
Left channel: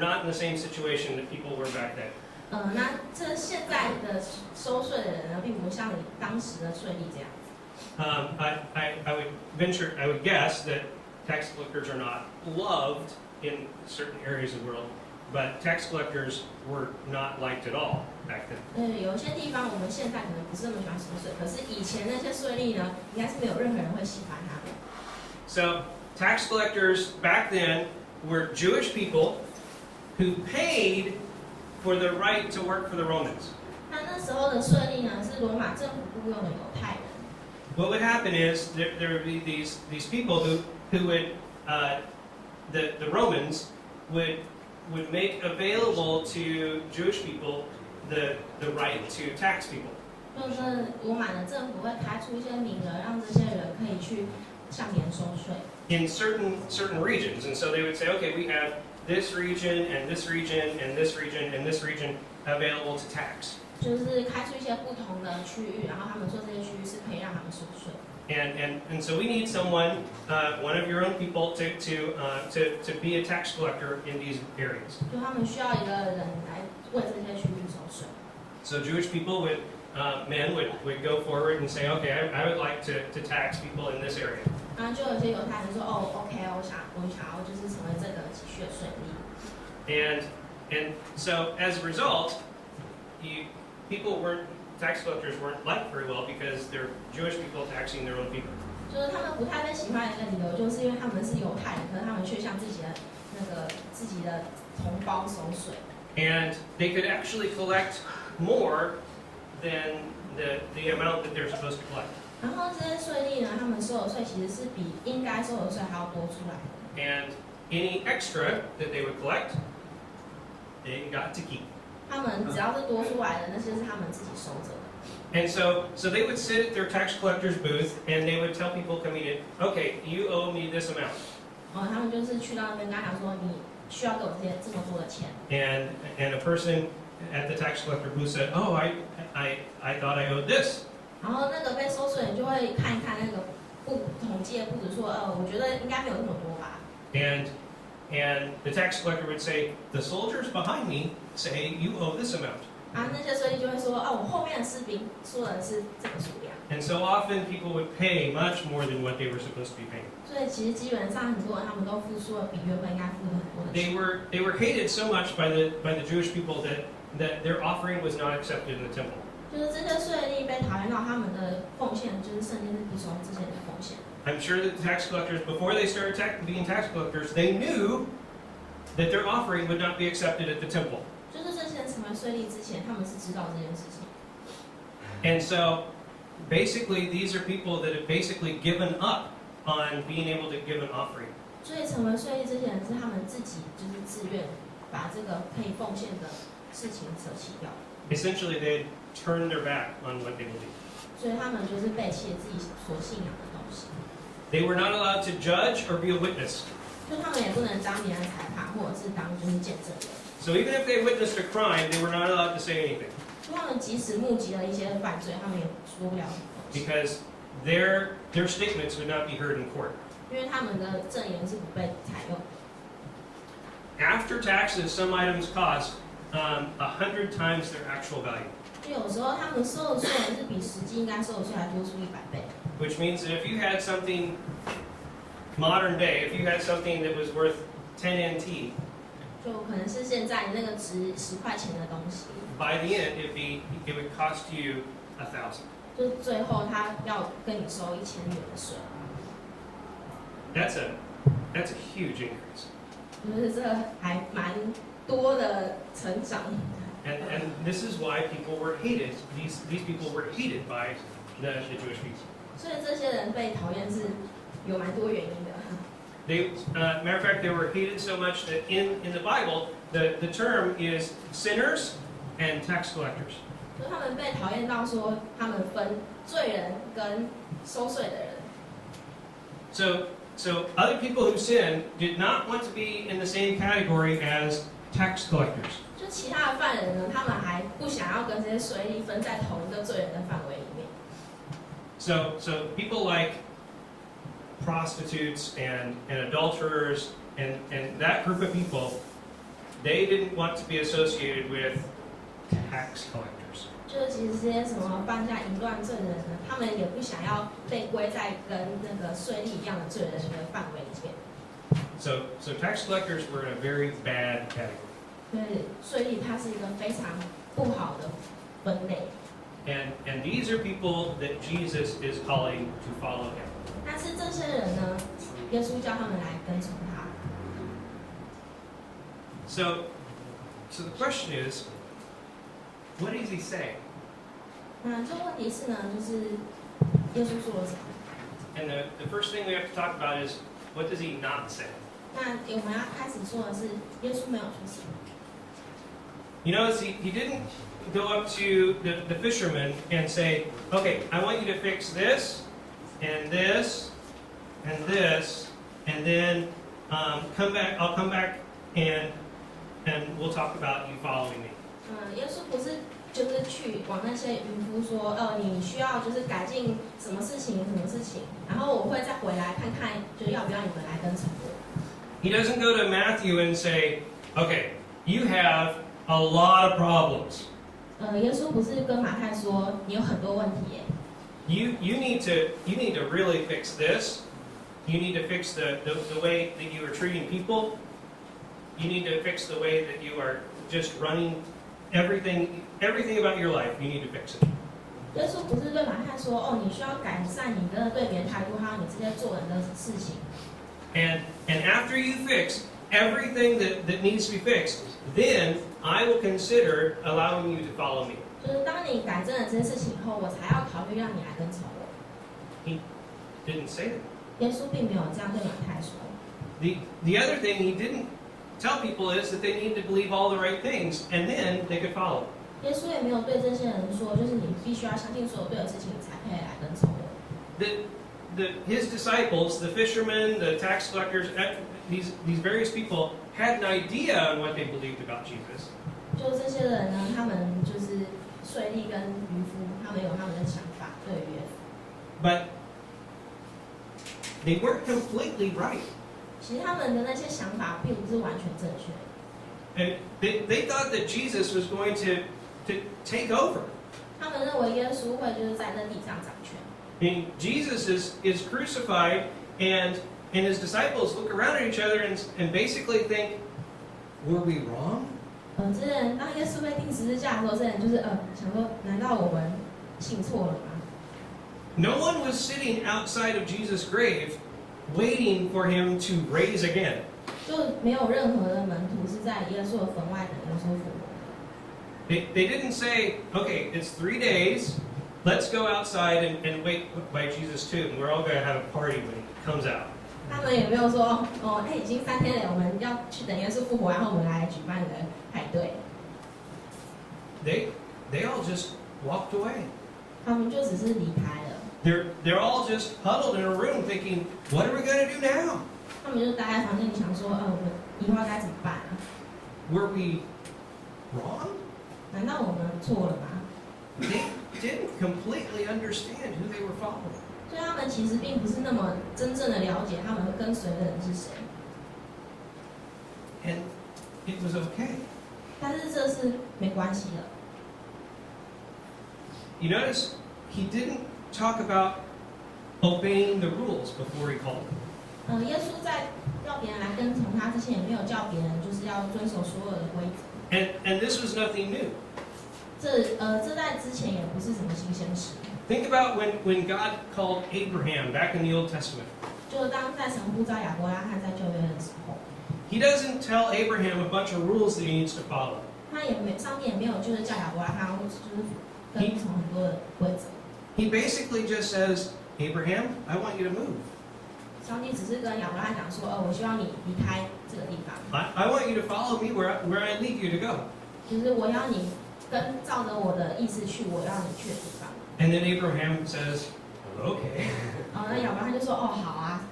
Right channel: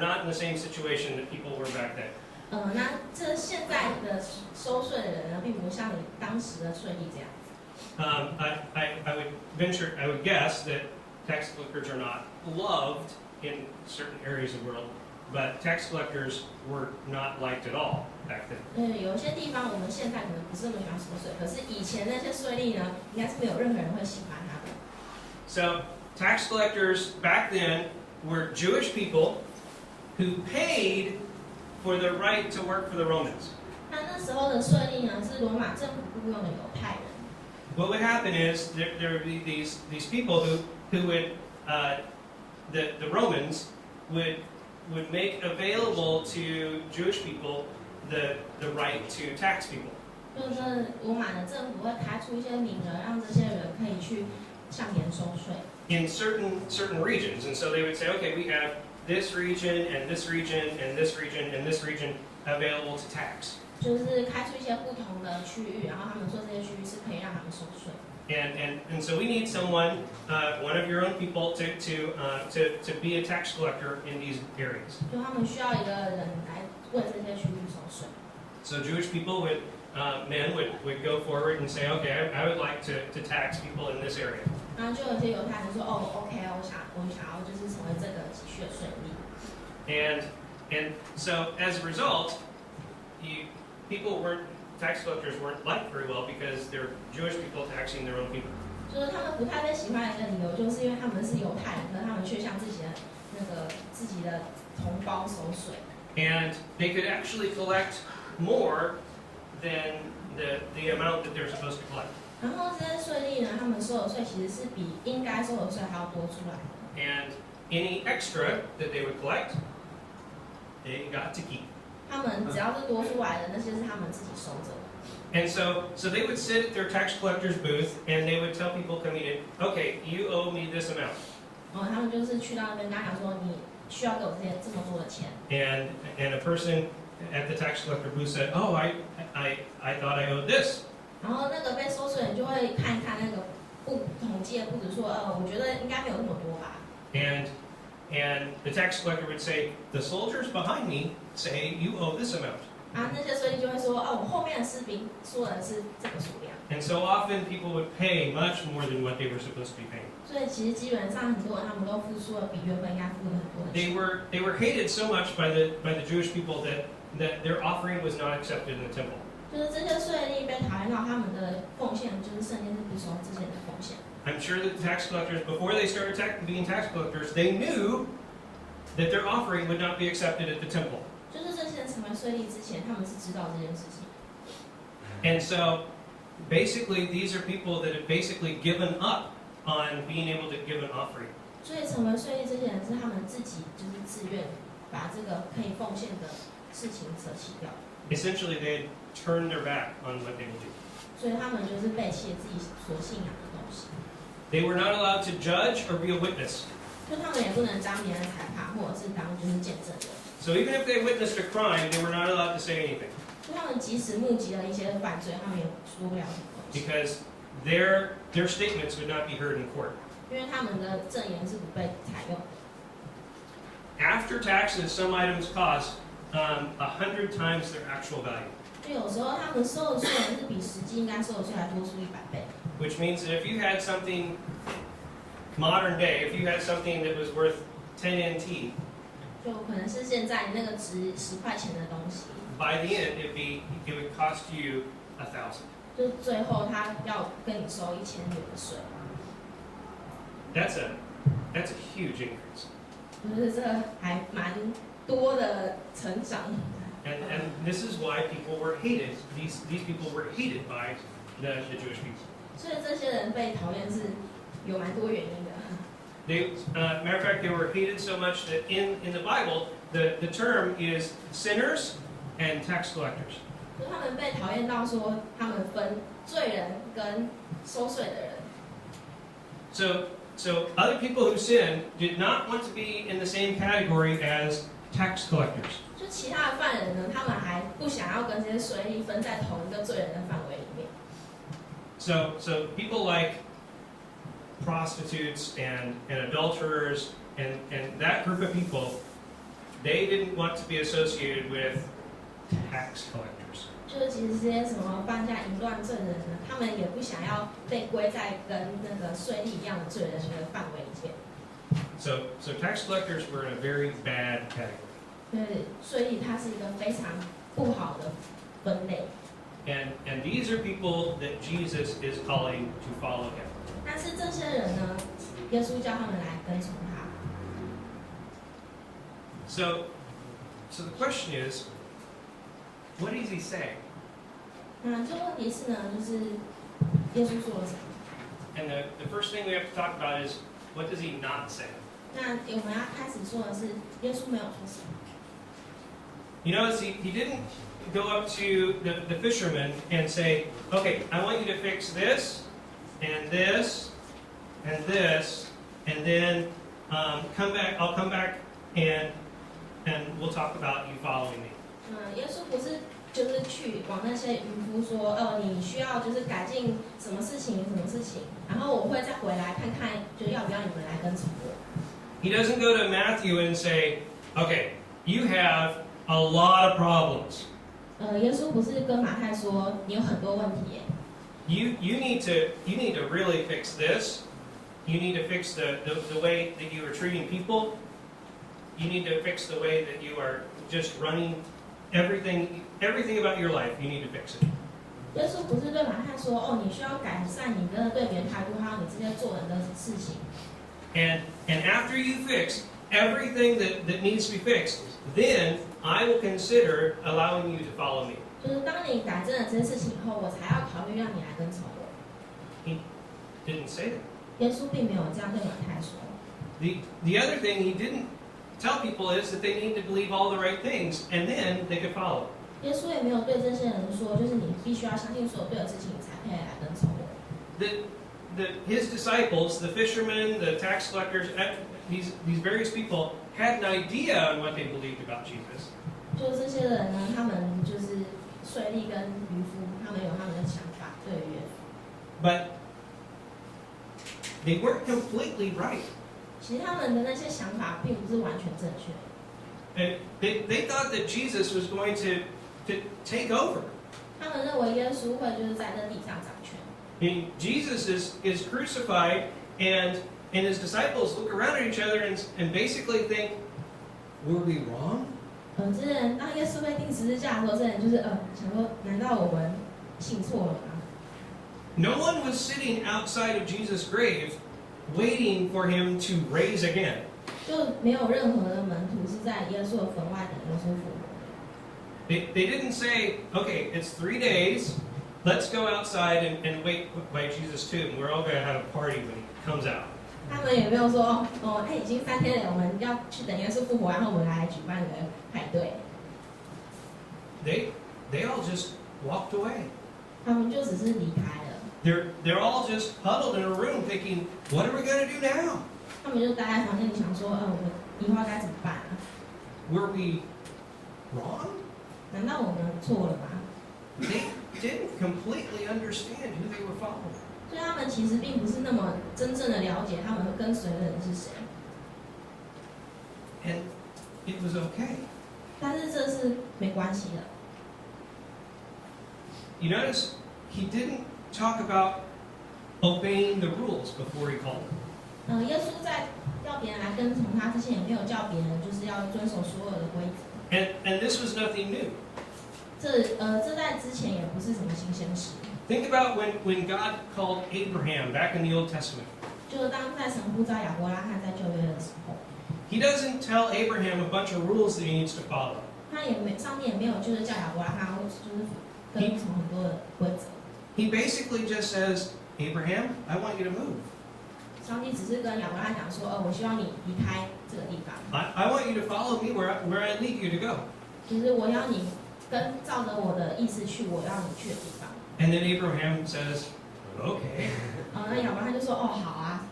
not in the same situation that people were back then. 那这现在的收税的人呢，并不像你当时的税吏这样子。I would guess that tax collectors are not loved in certain areas of the world, but tax collectors were not liked at all back then. 有一些地方我们现在可能不是那么喜欢收税，可是以前那些税吏呢，应该是没有任何人会喜欢他的。 So tax collectors back then were Jewish people who paid for the right to work for the Romans. 那时候的税吏呢，是罗马政府雇佣的犹太人。 What would happen is there would be these people who would the Romans would make available to Jewish people the right to tax people. 就是罗马的政府会开出一些名额，让这些人可以去向别人收税。In certain regions, and so they would say, okay, we have this region and this region and this region and this region available to tax. 就是开出一些不同的区域，然后他们说这些区域是可以让他们收税。And so we need someone, one of your own people, to be a tax collector in these areas. 就他们需要一个人来为这些区域收税。So Jewish people men would go forward and say, okay, I would like to tax people in this area. 然后就有些犹太人说，哦 ，OK，我想要就是成为这个血税吏。And so as a result, tax collectors weren't liked very well because they're Jewish people taxing their own people. 就是他们不太被喜欢的一个理由，就是因为他们是犹太人，可是他们却向自己的同胞收税。And they could actually collect more than the amount that they're supposed to collect. 然后这些税吏呢，他们收的税其实是比应该收的税还要多出来的。And any extra that they would collect, they got to keep. 他们只要是多出来的，那些是他们自己收着的。And so they would sit at their tax collector's booth and they would tell people coming in, okay, you owe me this amount. 他们就是去到那边跟他讲说，你需要给我这么多的钱。And a person at the tax collector booth said, oh, I thought I owed this. 然后那个被收税人就会看一看那个统计的簿子，说，我觉得应该没有那么多吧。And the tax collector would say, the soldiers behind me say you owe this amount. 那些税吏就会说，我后面的士兵说的是这个数量。And so often people would pay much more than what they were supposed to be paying. 所以其实基本上很多人他们都付出了比原本应该付的很多的钱。They were hated so much by the Jewish people that their offering was not accepted in the temple. 就是这些税吏被讨厌到他们的奉献，就是圣经是不收这些人的奉献。I'm sure that the tax collectors, before they started being tax collectors, they knew that their offering would not be accepted at the temple. 就是这些人成为税吏之前，他们是知道这件事情。And so, basically, these are people that have basically given up on being able to give an offering. 所以成为税吏这些人是他们自己就是自愿把这个可以奉献的事情舍弃掉。Essentially, they had turned their back on what they believed. 所以他们就是背弃了自己所信仰的东西。They were not allowed to judge or be a witness. 就他们也不能当别人的裁判，或者是当就是见证人。So even if they witnessed a crime, they were not allowed to say anything. 就他们即使目击了一些犯罪，他们也说不了什么东西。Because their statements would not be heard in court. 因为他们的证言是不被采用的。After taxes, some items cost 100 times their actual value. 就有时候他们收的税是比实际应该收的税还多出100倍。Which means that if you had something modern day, if you had something that was worth 10 NT, 就可能是现在那个值10块钱的东西。By the end, it would cost you 1,000. 就最后他要跟你收1000元的税。That's a huge increase. 就是这还蛮多的成长。And this is why people were hated. These people were hated by the Jewish people. 所以这些人被讨厌是有蛮多原因的。Matter of fact, they were hated so much that in the Bible, the term is sinners and tax collectors. 就他们被讨厌到说，他们分罪人跟收税的人。So other people who sinned did not want to be in the same category as tax collectors. 就其他的犯人呢，他们还不想要跟这些税吏分在同一个罪人的范围里面。So people like prostitutes and adulterers and that group of people, they didn't want to be associated with tax collectors. 就是其实这些什么犯下淫乱罪的人呢，他们也不想要被归在跟那个税吏一样的罪人的范围里面。So tax collectors were in a very bad category. 所以税吏它是一个非常不好的分类。And these are people that Jesus is calling to follow him. 但是这些人呢，耶稣叫他们来跟从他。So the question is, what does he say? 那这问题是呢，就是耶稣说了什么？ And the first thing we have to talk about is, what does he not say? 那我们要开始说的是，耶稣没有说什么。You notice he didn't go up to the fisherman and say, okay, I want you to fix this, and this, and this, and then come back. I'll come back and we'll talk about you following me. 耶稣不是就是去往那些渔夫说，你需要就是改进什么事情，然后我会再回来看看，就要不要你们来跟从我。He doesn't go to Matthew and say, okay, you have a lot of problems. 耶稣不是跟马太说你有很多问题耶。You need to really fix this. You need to fix the way that you are treating people. You need to fix the way that you are just running everything about your life. You need to fix it. 耶稣不是对马太说，你需要改善你的对别人态度，还有你这些做人的事情。And after you fix everything that needs to be fixed, then I will consider allowing you to follow me. 就是当你改正了这些事情以后，我才要考虑让你来跟从我。He didn't say that. 耶稣并没有这样对马太说。The other thing he didn't tell people is that they need to believe all the right things, and then they could follow. 耶稣也没有对这些人说，就是你必须要相信所有对的事情，你才可以来跟从我。His disciples, the fishermen, the tax collectors, these various people had an idea on what they believed about Jesus. 就这些人呢，他们就是税吏跟渔夫，他们有他们的想法对于耶稣。But they weren't completely right. 其实他们的那些想法并不是完全正确的。And they thought that Jesus was going to take over. 他们认为耶稣会就是在这地上掌权。And Jesus is crucified, and his disciples look around at each other and basically think, were we wrong? 这人当耶稣被钉十字架的时候，这人就是想说，难道我们信错了吗？ No one was sitting outside of Jesus' grave waiting for him to raise again. 就没有任何的门徒是在耶稣的坟外等耶稣复活。They didn't say, okay, it's 3 days, let's go outside and wait by Jesus' tomb. We're all going to have a party when he comes out. 他们也没有说，已经3天了，我们要去等耶稣复活，然后我们来举办个派对。They all just walked away. 他们就只是离开了。They're all just huddled in a room thinking, what are we going to do now? 他们就待在房间里想说，我们以后该怎么办啊？ Were we wrong? 难道我们错了吗？ They didn't completely understand who they were following. 所以他们其实并不是那么真正的了解他们跟随的人是谁。And it was okay. 但是这是没关系的。You notice he didn't talk about obeying the rules before he called them. 耶稣在要别人来跟从他之前，也没有叫别人就是要遵守所有的规则。And this was nothing new. 这在之前也不是什么新鲜事。Think about when God called Abraham back in the Old Testament. 就当在神呼召亚伯拉罕在旧约的时候， He doesn't tell Abraham a bunch of rules that he needs to follow. 上帝也没有就是叫亚伯拉罕就是跟从很多的规则。He basically just says, Abraham, I want you to move. 上帝只是跟亚伯拉罕讲说，我希望你离开这个地方。I want you to follow me where I lead you to go. 就是我要你照着我的意思去，我要你去的地方。And then Abraham says, okay. 那亚伯拉罕就说，好啊。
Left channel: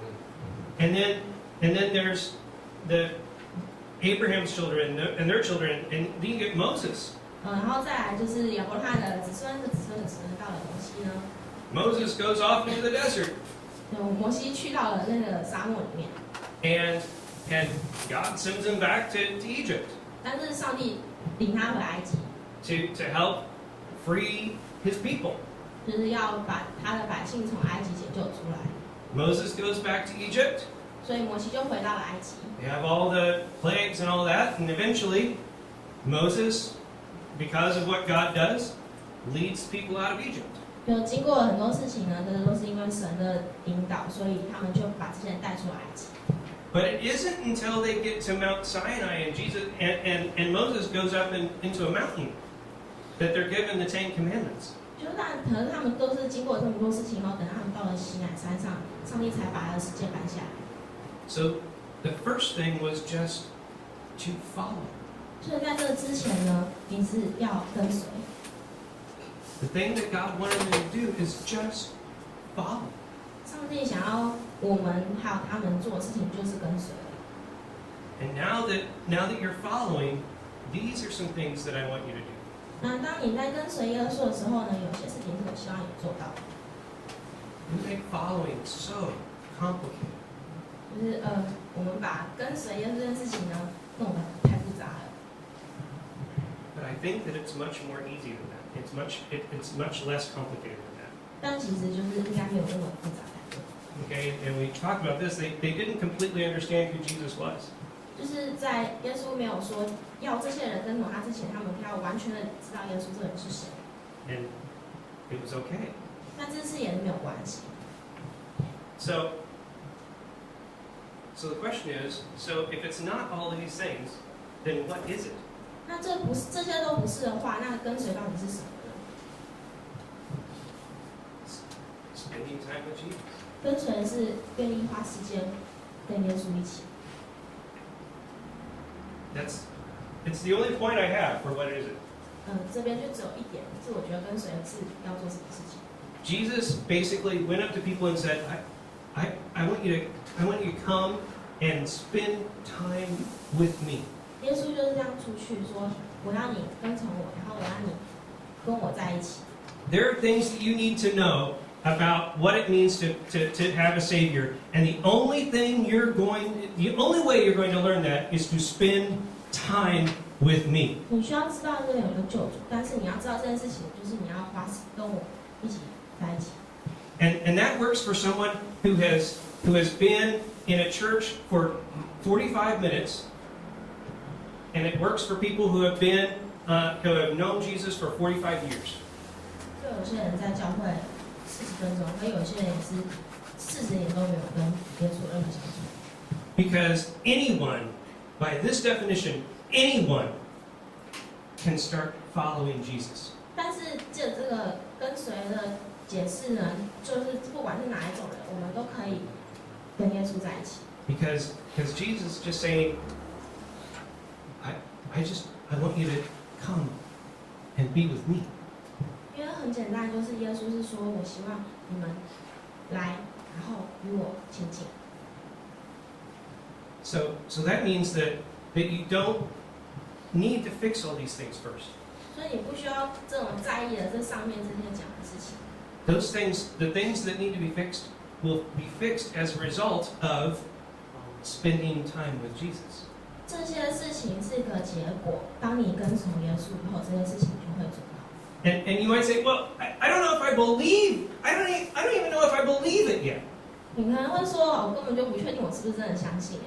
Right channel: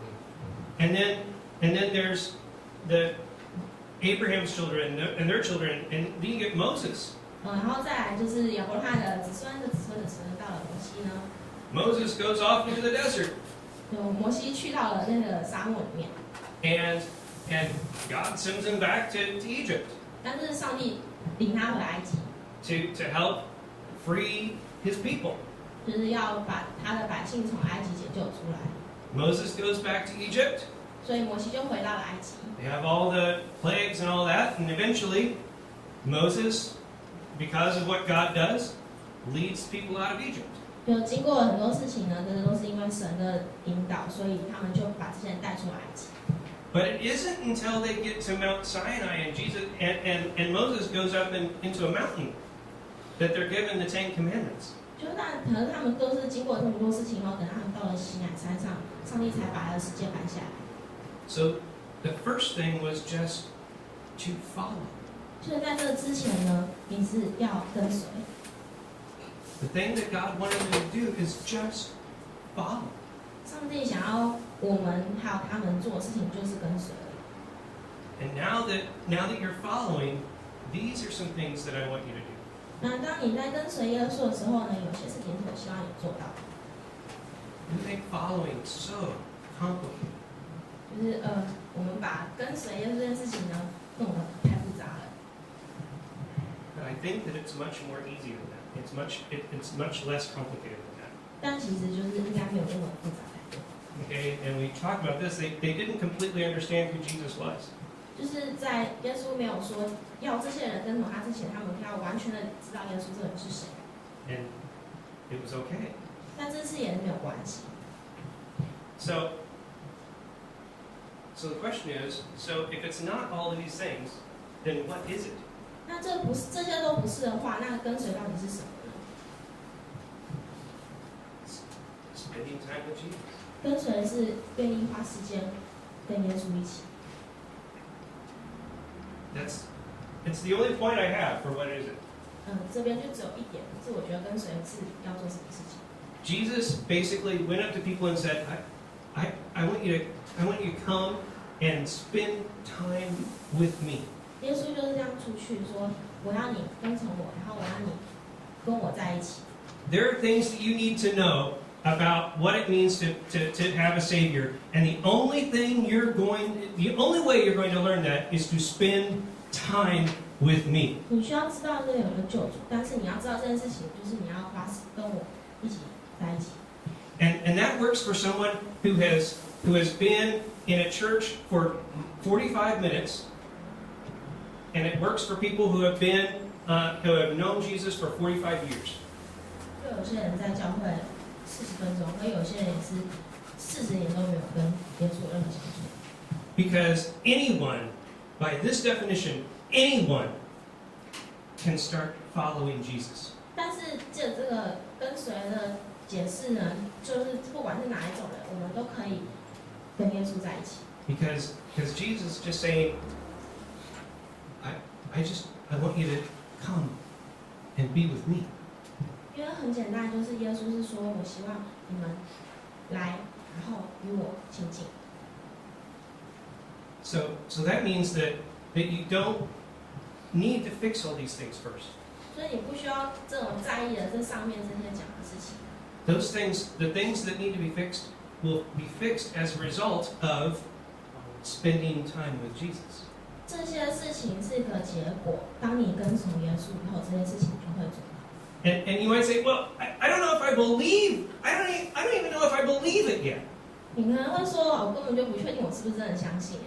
And then there's Abraham's children and their children, and then you get Moses. 然后再来就是亚伯拉罕的子孙的子孙的子孙到了摩西呢。Moses goes off into the desert. 摩西去到了那个沙漠里面。And God sends him back to Egypt. 但是上帝领他回埃及。To help free his people. 就是要把他的百姓从埃及解救出来。Moses goes back to Egypt. 所以摩西就回到了埃及。They have all the plagues and all that, and eventually Moses, because of what God does, leads people out of Egypt. 就经过了很多事情呢，这都是因为神的引导，所以他们就把这些人带出埃及。But it isn't until they get to Mount Sinai and Jesus and Moses goes up into a mountain that they're given the 10 Commandments. 可能他们都是经过这么多事情后，等他们到了西乃山上，上帝才把他的十诫颁下来。So the first thing was just to follow. 所以在这之前呢，你是要跟随。The thing that God wanted them to do is just follow. 上帝想要我们还有他们做的事情就是跟随。And now that you're following, these are some things that I want you to do. 那当你在跟随耶稣的时候呢，有些事情是我希望你做到的。You make following so complicated. 就是我们把跟随耶稣这件事情呢弄得太复杂了。But I think that it's much more easy than that. It's much less complicated than that. 但其实就是应该没有那么复杂才对。Okay, and we talked about this. They didn't completely understand who Jesus was. 就是在耶稣没有说要这些人跟从他之前，他们要完全的知道耶稣这个人是谁。And it was okay. 但这次也是没有关系。So the question is, so if it's not all of these things, then what is it? 那这些都不是的话，那跟随到底是什么呢？ Spending time with Jesus. 跟随是愿意花时间跟耶稣一起。It's the only point I have for what is it. 这边就只有一点，是我觉得跟随是要做什么事情。Jesus basically went up to people and said, I want you to come and spend time with me. 耶稣就是这样出去说，我要你跟从我，然后我要你跟我在一起。There are things that you need to know about what it means to have a Savior, and the only way you're going to learn that is to spend time with me. 你需要知道这里有个救主，但是你要知道这件事情，就是你要跟我一起在一起。And that works for someone who has been in a church for 45 minutes, and it works for people who have known Jesus for 45 years. 就有些人在教会40分钟，而有些人也是40年都没有跟耶稣任何相处。Because anyone, by this definition, anyone can start following Jesus. 但是借这个跟随的解释呢，就是不管是哪一种人，我们都可以跟耶稣在一起。Because Jesus is just saying, I want you to come and be with me. 因为很简单，就是耶稣是说，我希望你们来，然后与我亲近。So that means that you don't need to fix all these things first. 所以你不需要这种在意的这上面这些讲的事情。Those things, the things that need to be fixed, will be fixed as a result of spending time with Jesus. 这些事情是一个结果，当你跟从耶稣以后，这些事情就会做到。And you might say, well, I don't know if I believe. I don't even know if I believe it yet. 你可能会说，我根本就不确定我是不是真的相信。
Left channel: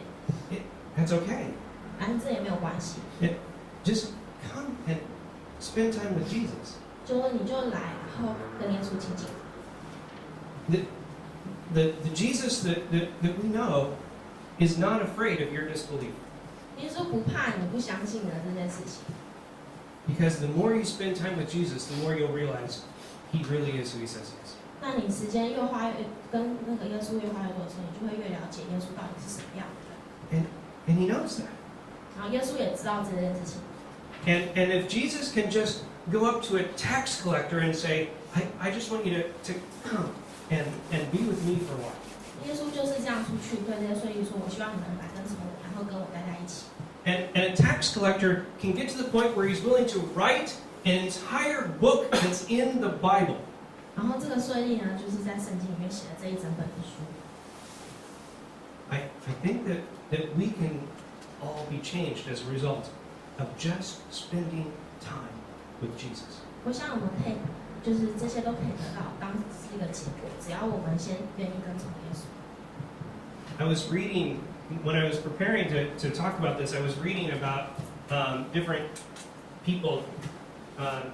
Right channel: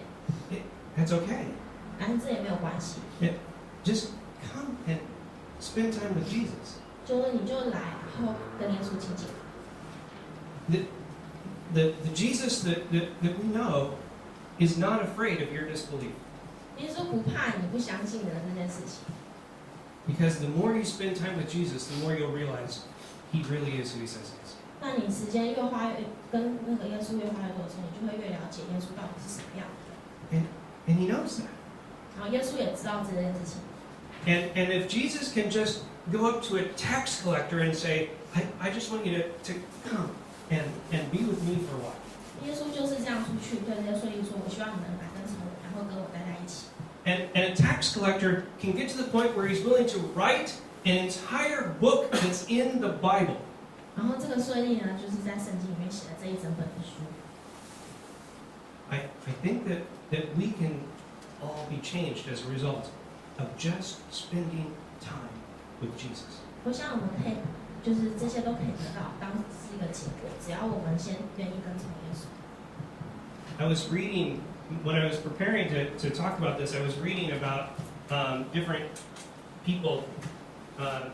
That's okay. 但是这也没有关系。Just come and spend time with Jesus. 就是你就来，然后跟耶稣亲近。The Jesus that we know is not afraid of your disbelief. 耶稣不怕你不相信的这件事情。Because the more you spend time with Jesus, the more you'll realize He really is who He says He is. 那你时间越花跟那个耶稣越花越多的时候，你就会越了解耶稣到底是什么样的人。And He knows that. 然后耶稣也知道这件事情。And if Jesus can just go up to a tax collector and say, I just want you to come and be with me for a while. 耶稣就是这样出去对这些税吏说：“我希望你们来跟从我，然后跟我待在一起。” And a tax collector can get to the point where he's willing to write an entire book that's in the Bible. 然后这个税吏呢，就是在圣经里面写了这一整本的书。I think that we can all be changed as a result of just spending time with Jesus. 我想我们可以，就是这些都可以得到，当是一个结果，只要我们先愿意跟从耶稣。I was reading, when I was preparing to talk about this, I was reading about different people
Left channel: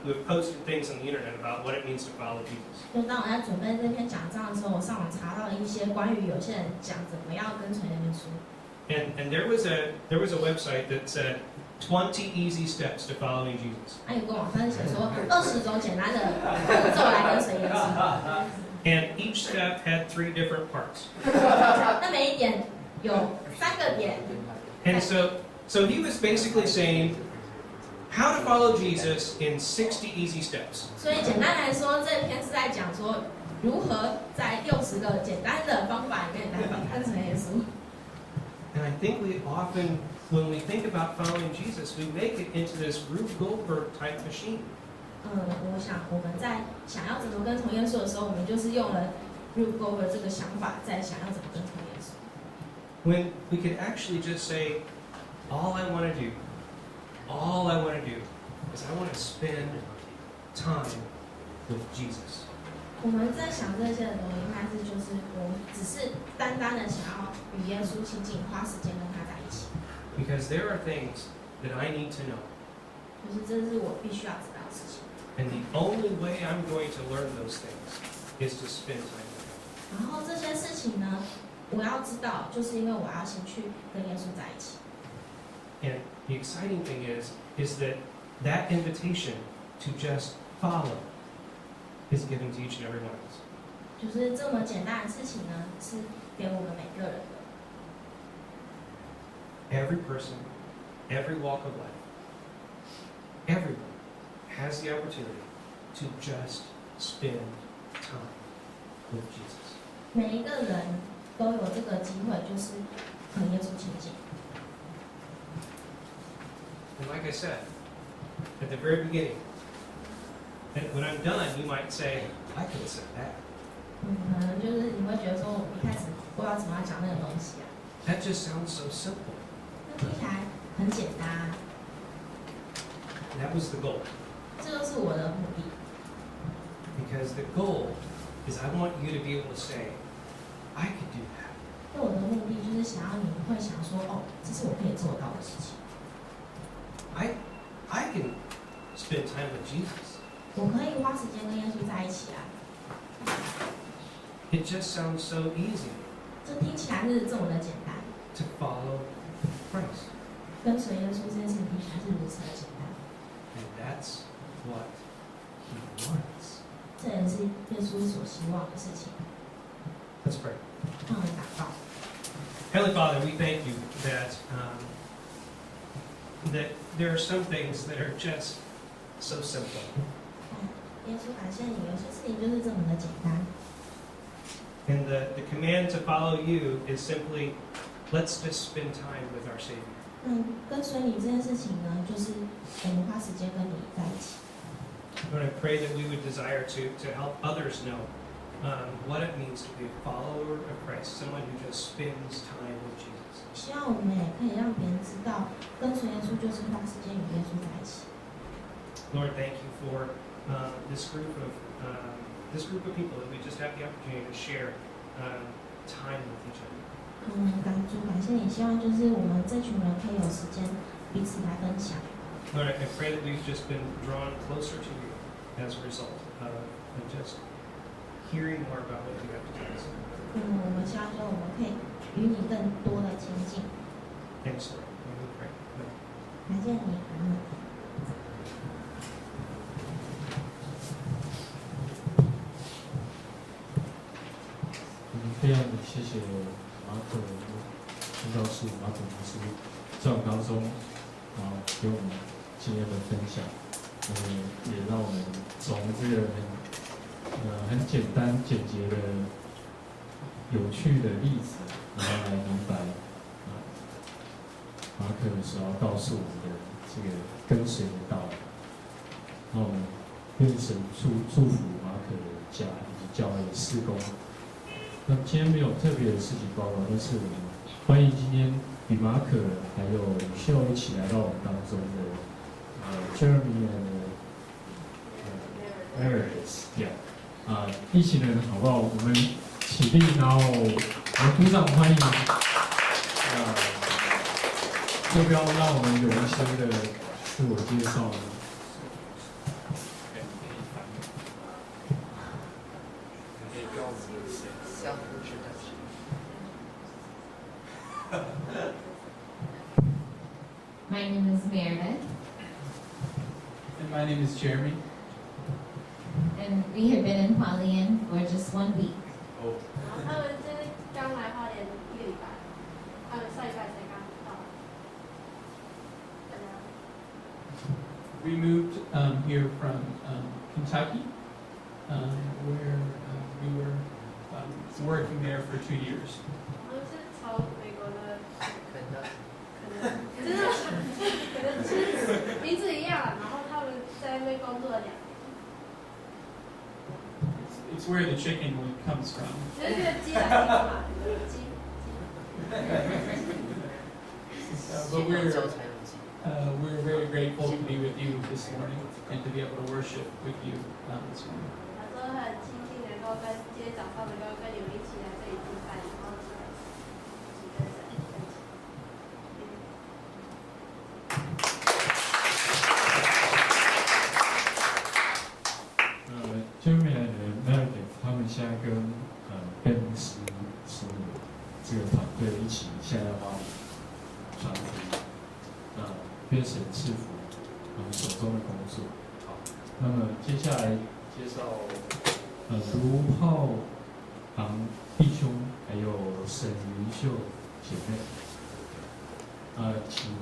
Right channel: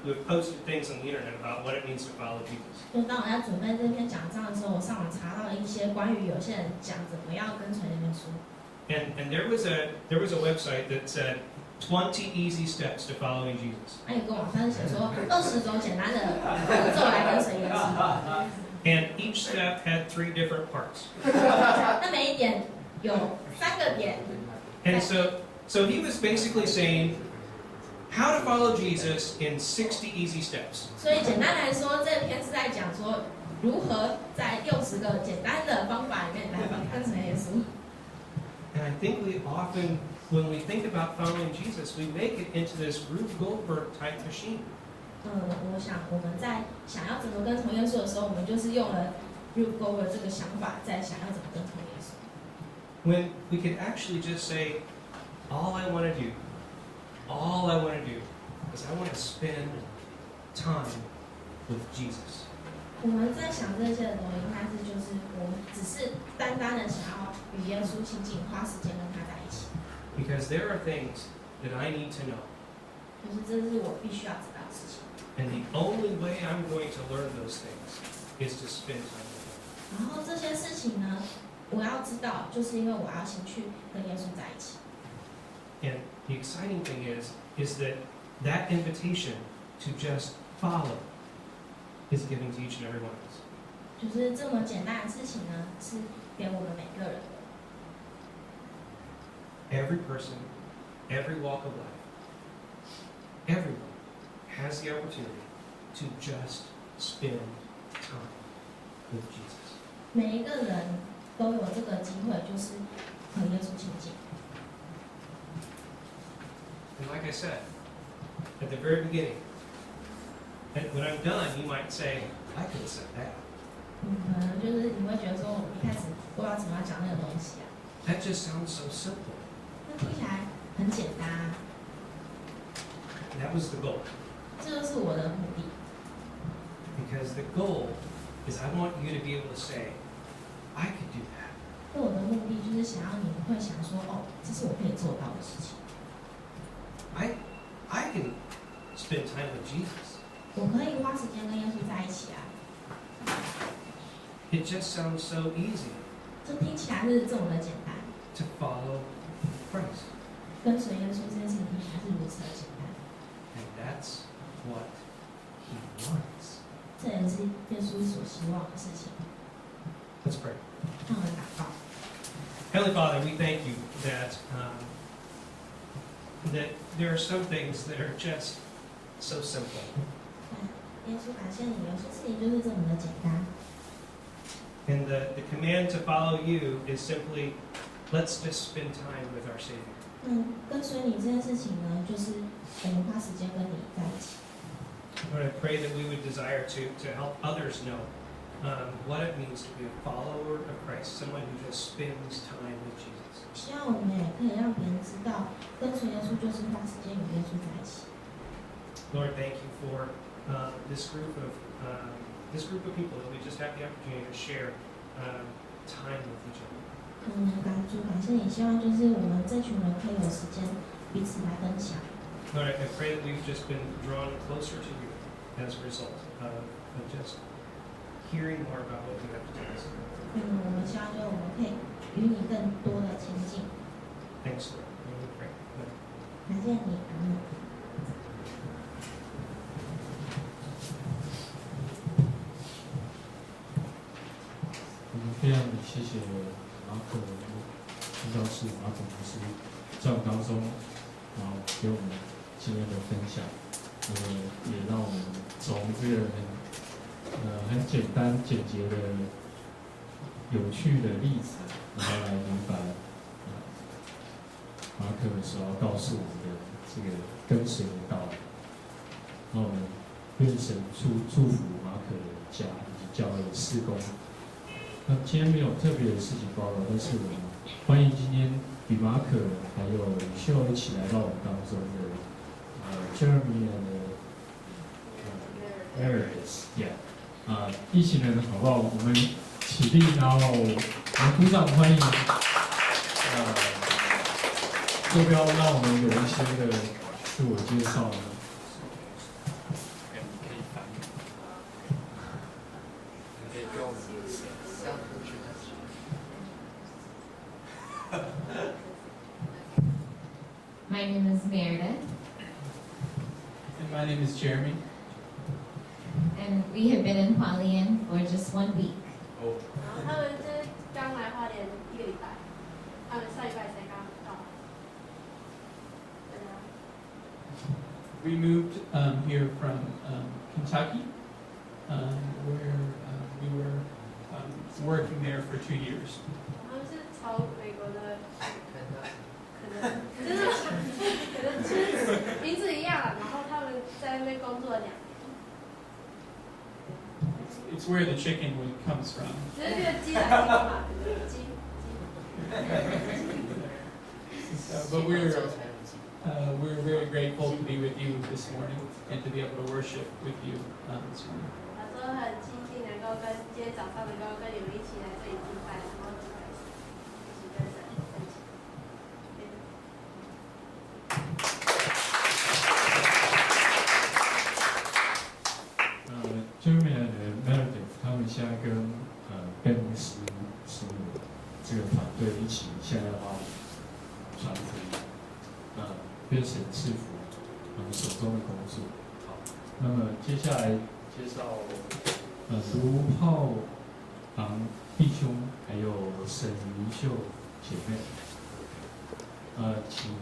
who have posted things on the internet about what it means to follow Jesus. 就当我在准备这篇讲章的时候，我上网查到了一些关于有些人讲怎么样跟随那本书。And there was a website that said 20 easy steps to following Jesus. 还有个网站写说20种简单的步骤来跟随耶稣。And each step had 3 different parts. 那每一点有3个点。And so he was basically saying, how to follow Jesus in 60 easy steps. 所以简单来说，这篇是在讲说如何在60个简单的方法里面来跟随耶稣。And I think we often, when we think about following Jesus, we make it into this Rube Goldberg type machine. 我想我们在想要怎么跟从耶稣的时候，我们就是用了 Rube Goldberg 这个想法，在想要怎么跟从耶稣。When we could actually just say, all I want to do is I want to spend time with Jesus. 我们在想这些的时候，应该是就是我们只是单单的想要与耶稣亲近，花时间跟他在一起。Because there are things that I need to know. 就是这是我必须要知道的事情。And the only way I'm going to learn those things is to spend time with him. 然后这些事情呢，我要知道，就是因为我要先去跟耶稣在一起。And the exciting thing is that invitation to just follow is given to each and every one of us. 就是这么简单的事情呢，是给我们每个人的。Every person, every walk of life, everyone has the opportunity to just spend time with Jesus. 每一个人都有这个机会，就是和耶稣亲近。And like I said at the very beginning, and when I'm done, you might say, I could have said that. 可能就是你会觉得说，我一开始不知道怎么样讲那个东西啊。That just sounds so simple. 那听起来很简单啊。That was the goal. 这就是我的目的。Because the goal is I want you to be able to say, I could do that. 那我的目的就是想要你会想说，哦，这是我可以做到的事情。I can spend time with Jesus. 我可以花时间跟耶稣在一起啊。It just sounds so easy 这听起来是这么的简单。to follow Christ. 跟随耶稣这件事情听起来是如此的简单。And that's what he wants. 这也是耶稣所希望的事情。Let's pray. 让我们祷告。Heavenly Father, we thank you that that there are some things that are just so simple. 耶稣，感谢你，有些事情就是这么的简单。And the command to follow you is simply, let's just spend time with our Savior. 跟随你这件事情呢，就是我们花时间跟你在一起。Lord, I pray that we would desire to help others know what it means to be a follower of Christ, someone who just spends time with Jesus. 希望我们也可以让别人知道，跟随耶稣就是花时间与耶稣在一起。Lord, thank you for this group of people that we just have the opportunity to share time with each other. 感谢你，希望就是我们这群人可以有时间彼此来分享。Lord, I pray that we've just been drawn closer to you as a result of just hearing more about what you have to tell us. 我们希望说我们可以与你更多的亲近。Thanks, Lord. We pray. Amen. 感谢你，阿门。非常谢谢马可宣教士马可牧师在我们当中，给我们今天的分享，也让我们从这个很简单简洁的有趣的例子，然后来明白马可所要告诉我们的这个跟随的道理。那我们愿神祝福马可的家以及教会的事工。那今天没有特别的事情报告，但是我们欢迎今天与马可还有吕秀一起来到我们当中的Jeremy and Meredith，一行人好不好？我们起立，然后我们鼓掌欢迎。要不要让我们有一些的自我介绍呢？My name is Meredith. And my name is Jeremy. And we have been in Hualien for just 1 week. Oh. 他们这刚来花莲1个礼拜，他们上礼拜才刚到。we moved here from Kentucky, where we were working there for 2 years. 我们是从美国的，可能就是名字一样啦，然后他们在那边工作了2年。It's where the chicken comes from. 就是这个鸡来的嘛，鸡。But we're very grateful to be with you this morning and to be able to worship with you this morning. 他说很庆幸能够今天早上能够跟你们一起来这里敬拜，然后一起跟神分享。Jeremy and Meredith 他们现在跟贝牧师师母这个团队一起，现在要帮传福音，愿神赐福我们手中的工作。好，那么接下来介绍卢浩昂弟兄还有沈云秀姐妹，请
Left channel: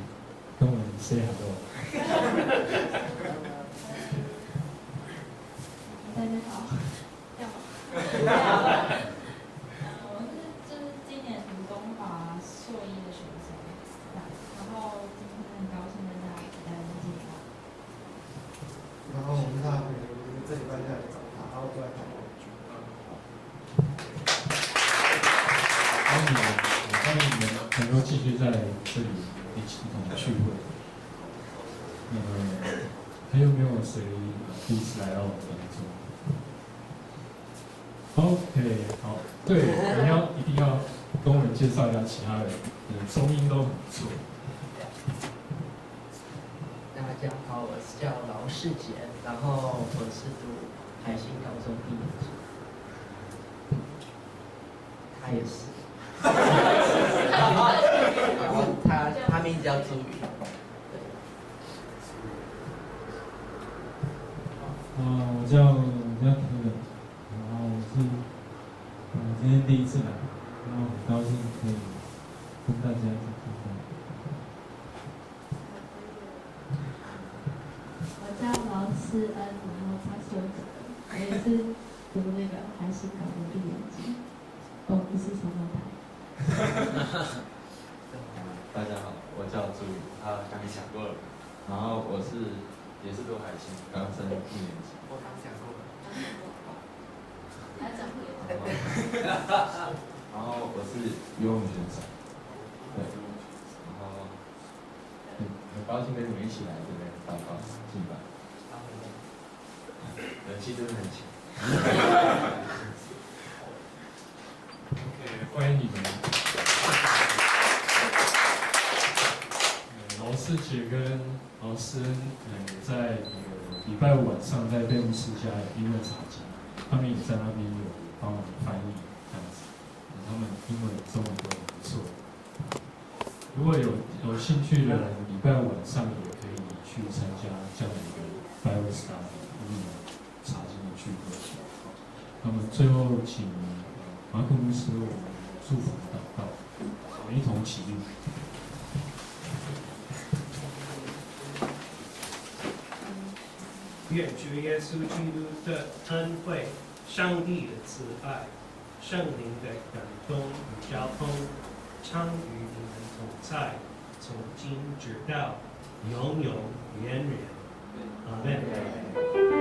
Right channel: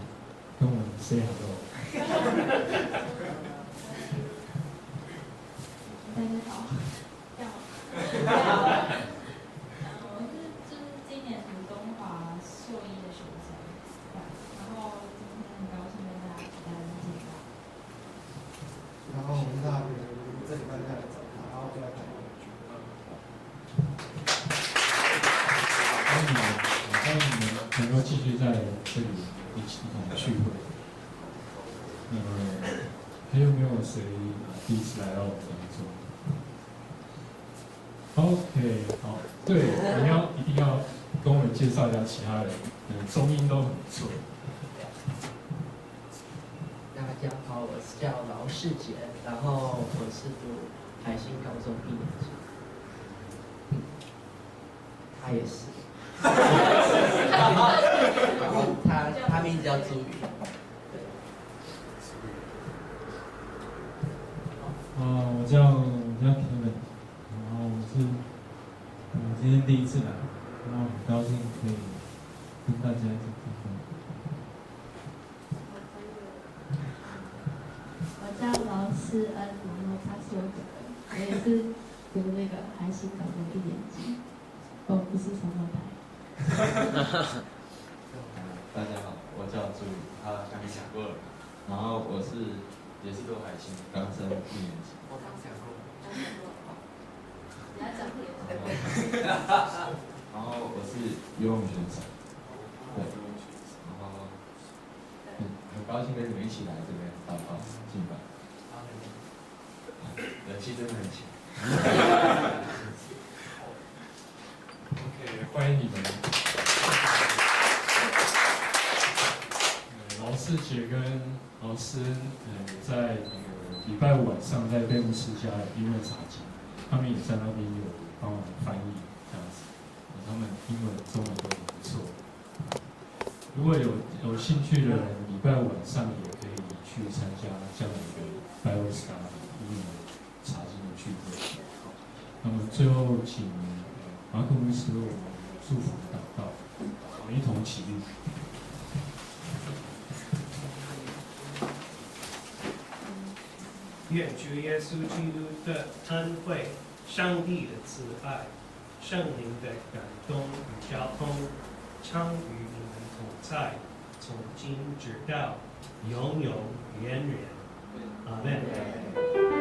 跟我们 say hello。大家好，我是今年读东华硕一的学生，然后今天很高兴跟大家一起来敬拜。然后我们大朋友这礼拜就来找他，然后就来谈我。欢迎你们能够继续在这里一同聚会。还有没有谁第一次来到我们当中？ OK， 好，对，一定要跟我们介绍一下其他人，中音都很不错。大家好，我是叫劳世杰，然后我是读海星高中1年级，他也是，然后他名字叫朱宇，对。我叫 Kevin。 我今天第一次来，然后很高兴可以跟大家一起聚会。我叫劳世恩，然后他是我本人，我也是读那个海星高中1年级，不是双胞胎。大家好，我叫朱宇，刚讲过了，然后也是读海星，刚升1年级。我刚讲过了。 然后我是游泳选手，对，然后很高兴跟你们一起来这边祷告敬拜，人气真的很强。OK， 欢迎你们。劳世杰跟劳师恩，在礼拜5晚上在贝牧师家英文查经。 他们也在那边有帮忙翻译这样子，他们英文、中文都很不错。如果有兴趣的人，礼拜5晚上也可以去参加这样的一个 Bible Study 英文查经的聚会。好，那么最后请马可牧师为我们祝福祷告，我们一同起立。 愿主耶稣基督的恩惠、上帝的慈爱、圣灵的感动与交通，常与你们同在，从今直到永永远远。阿门。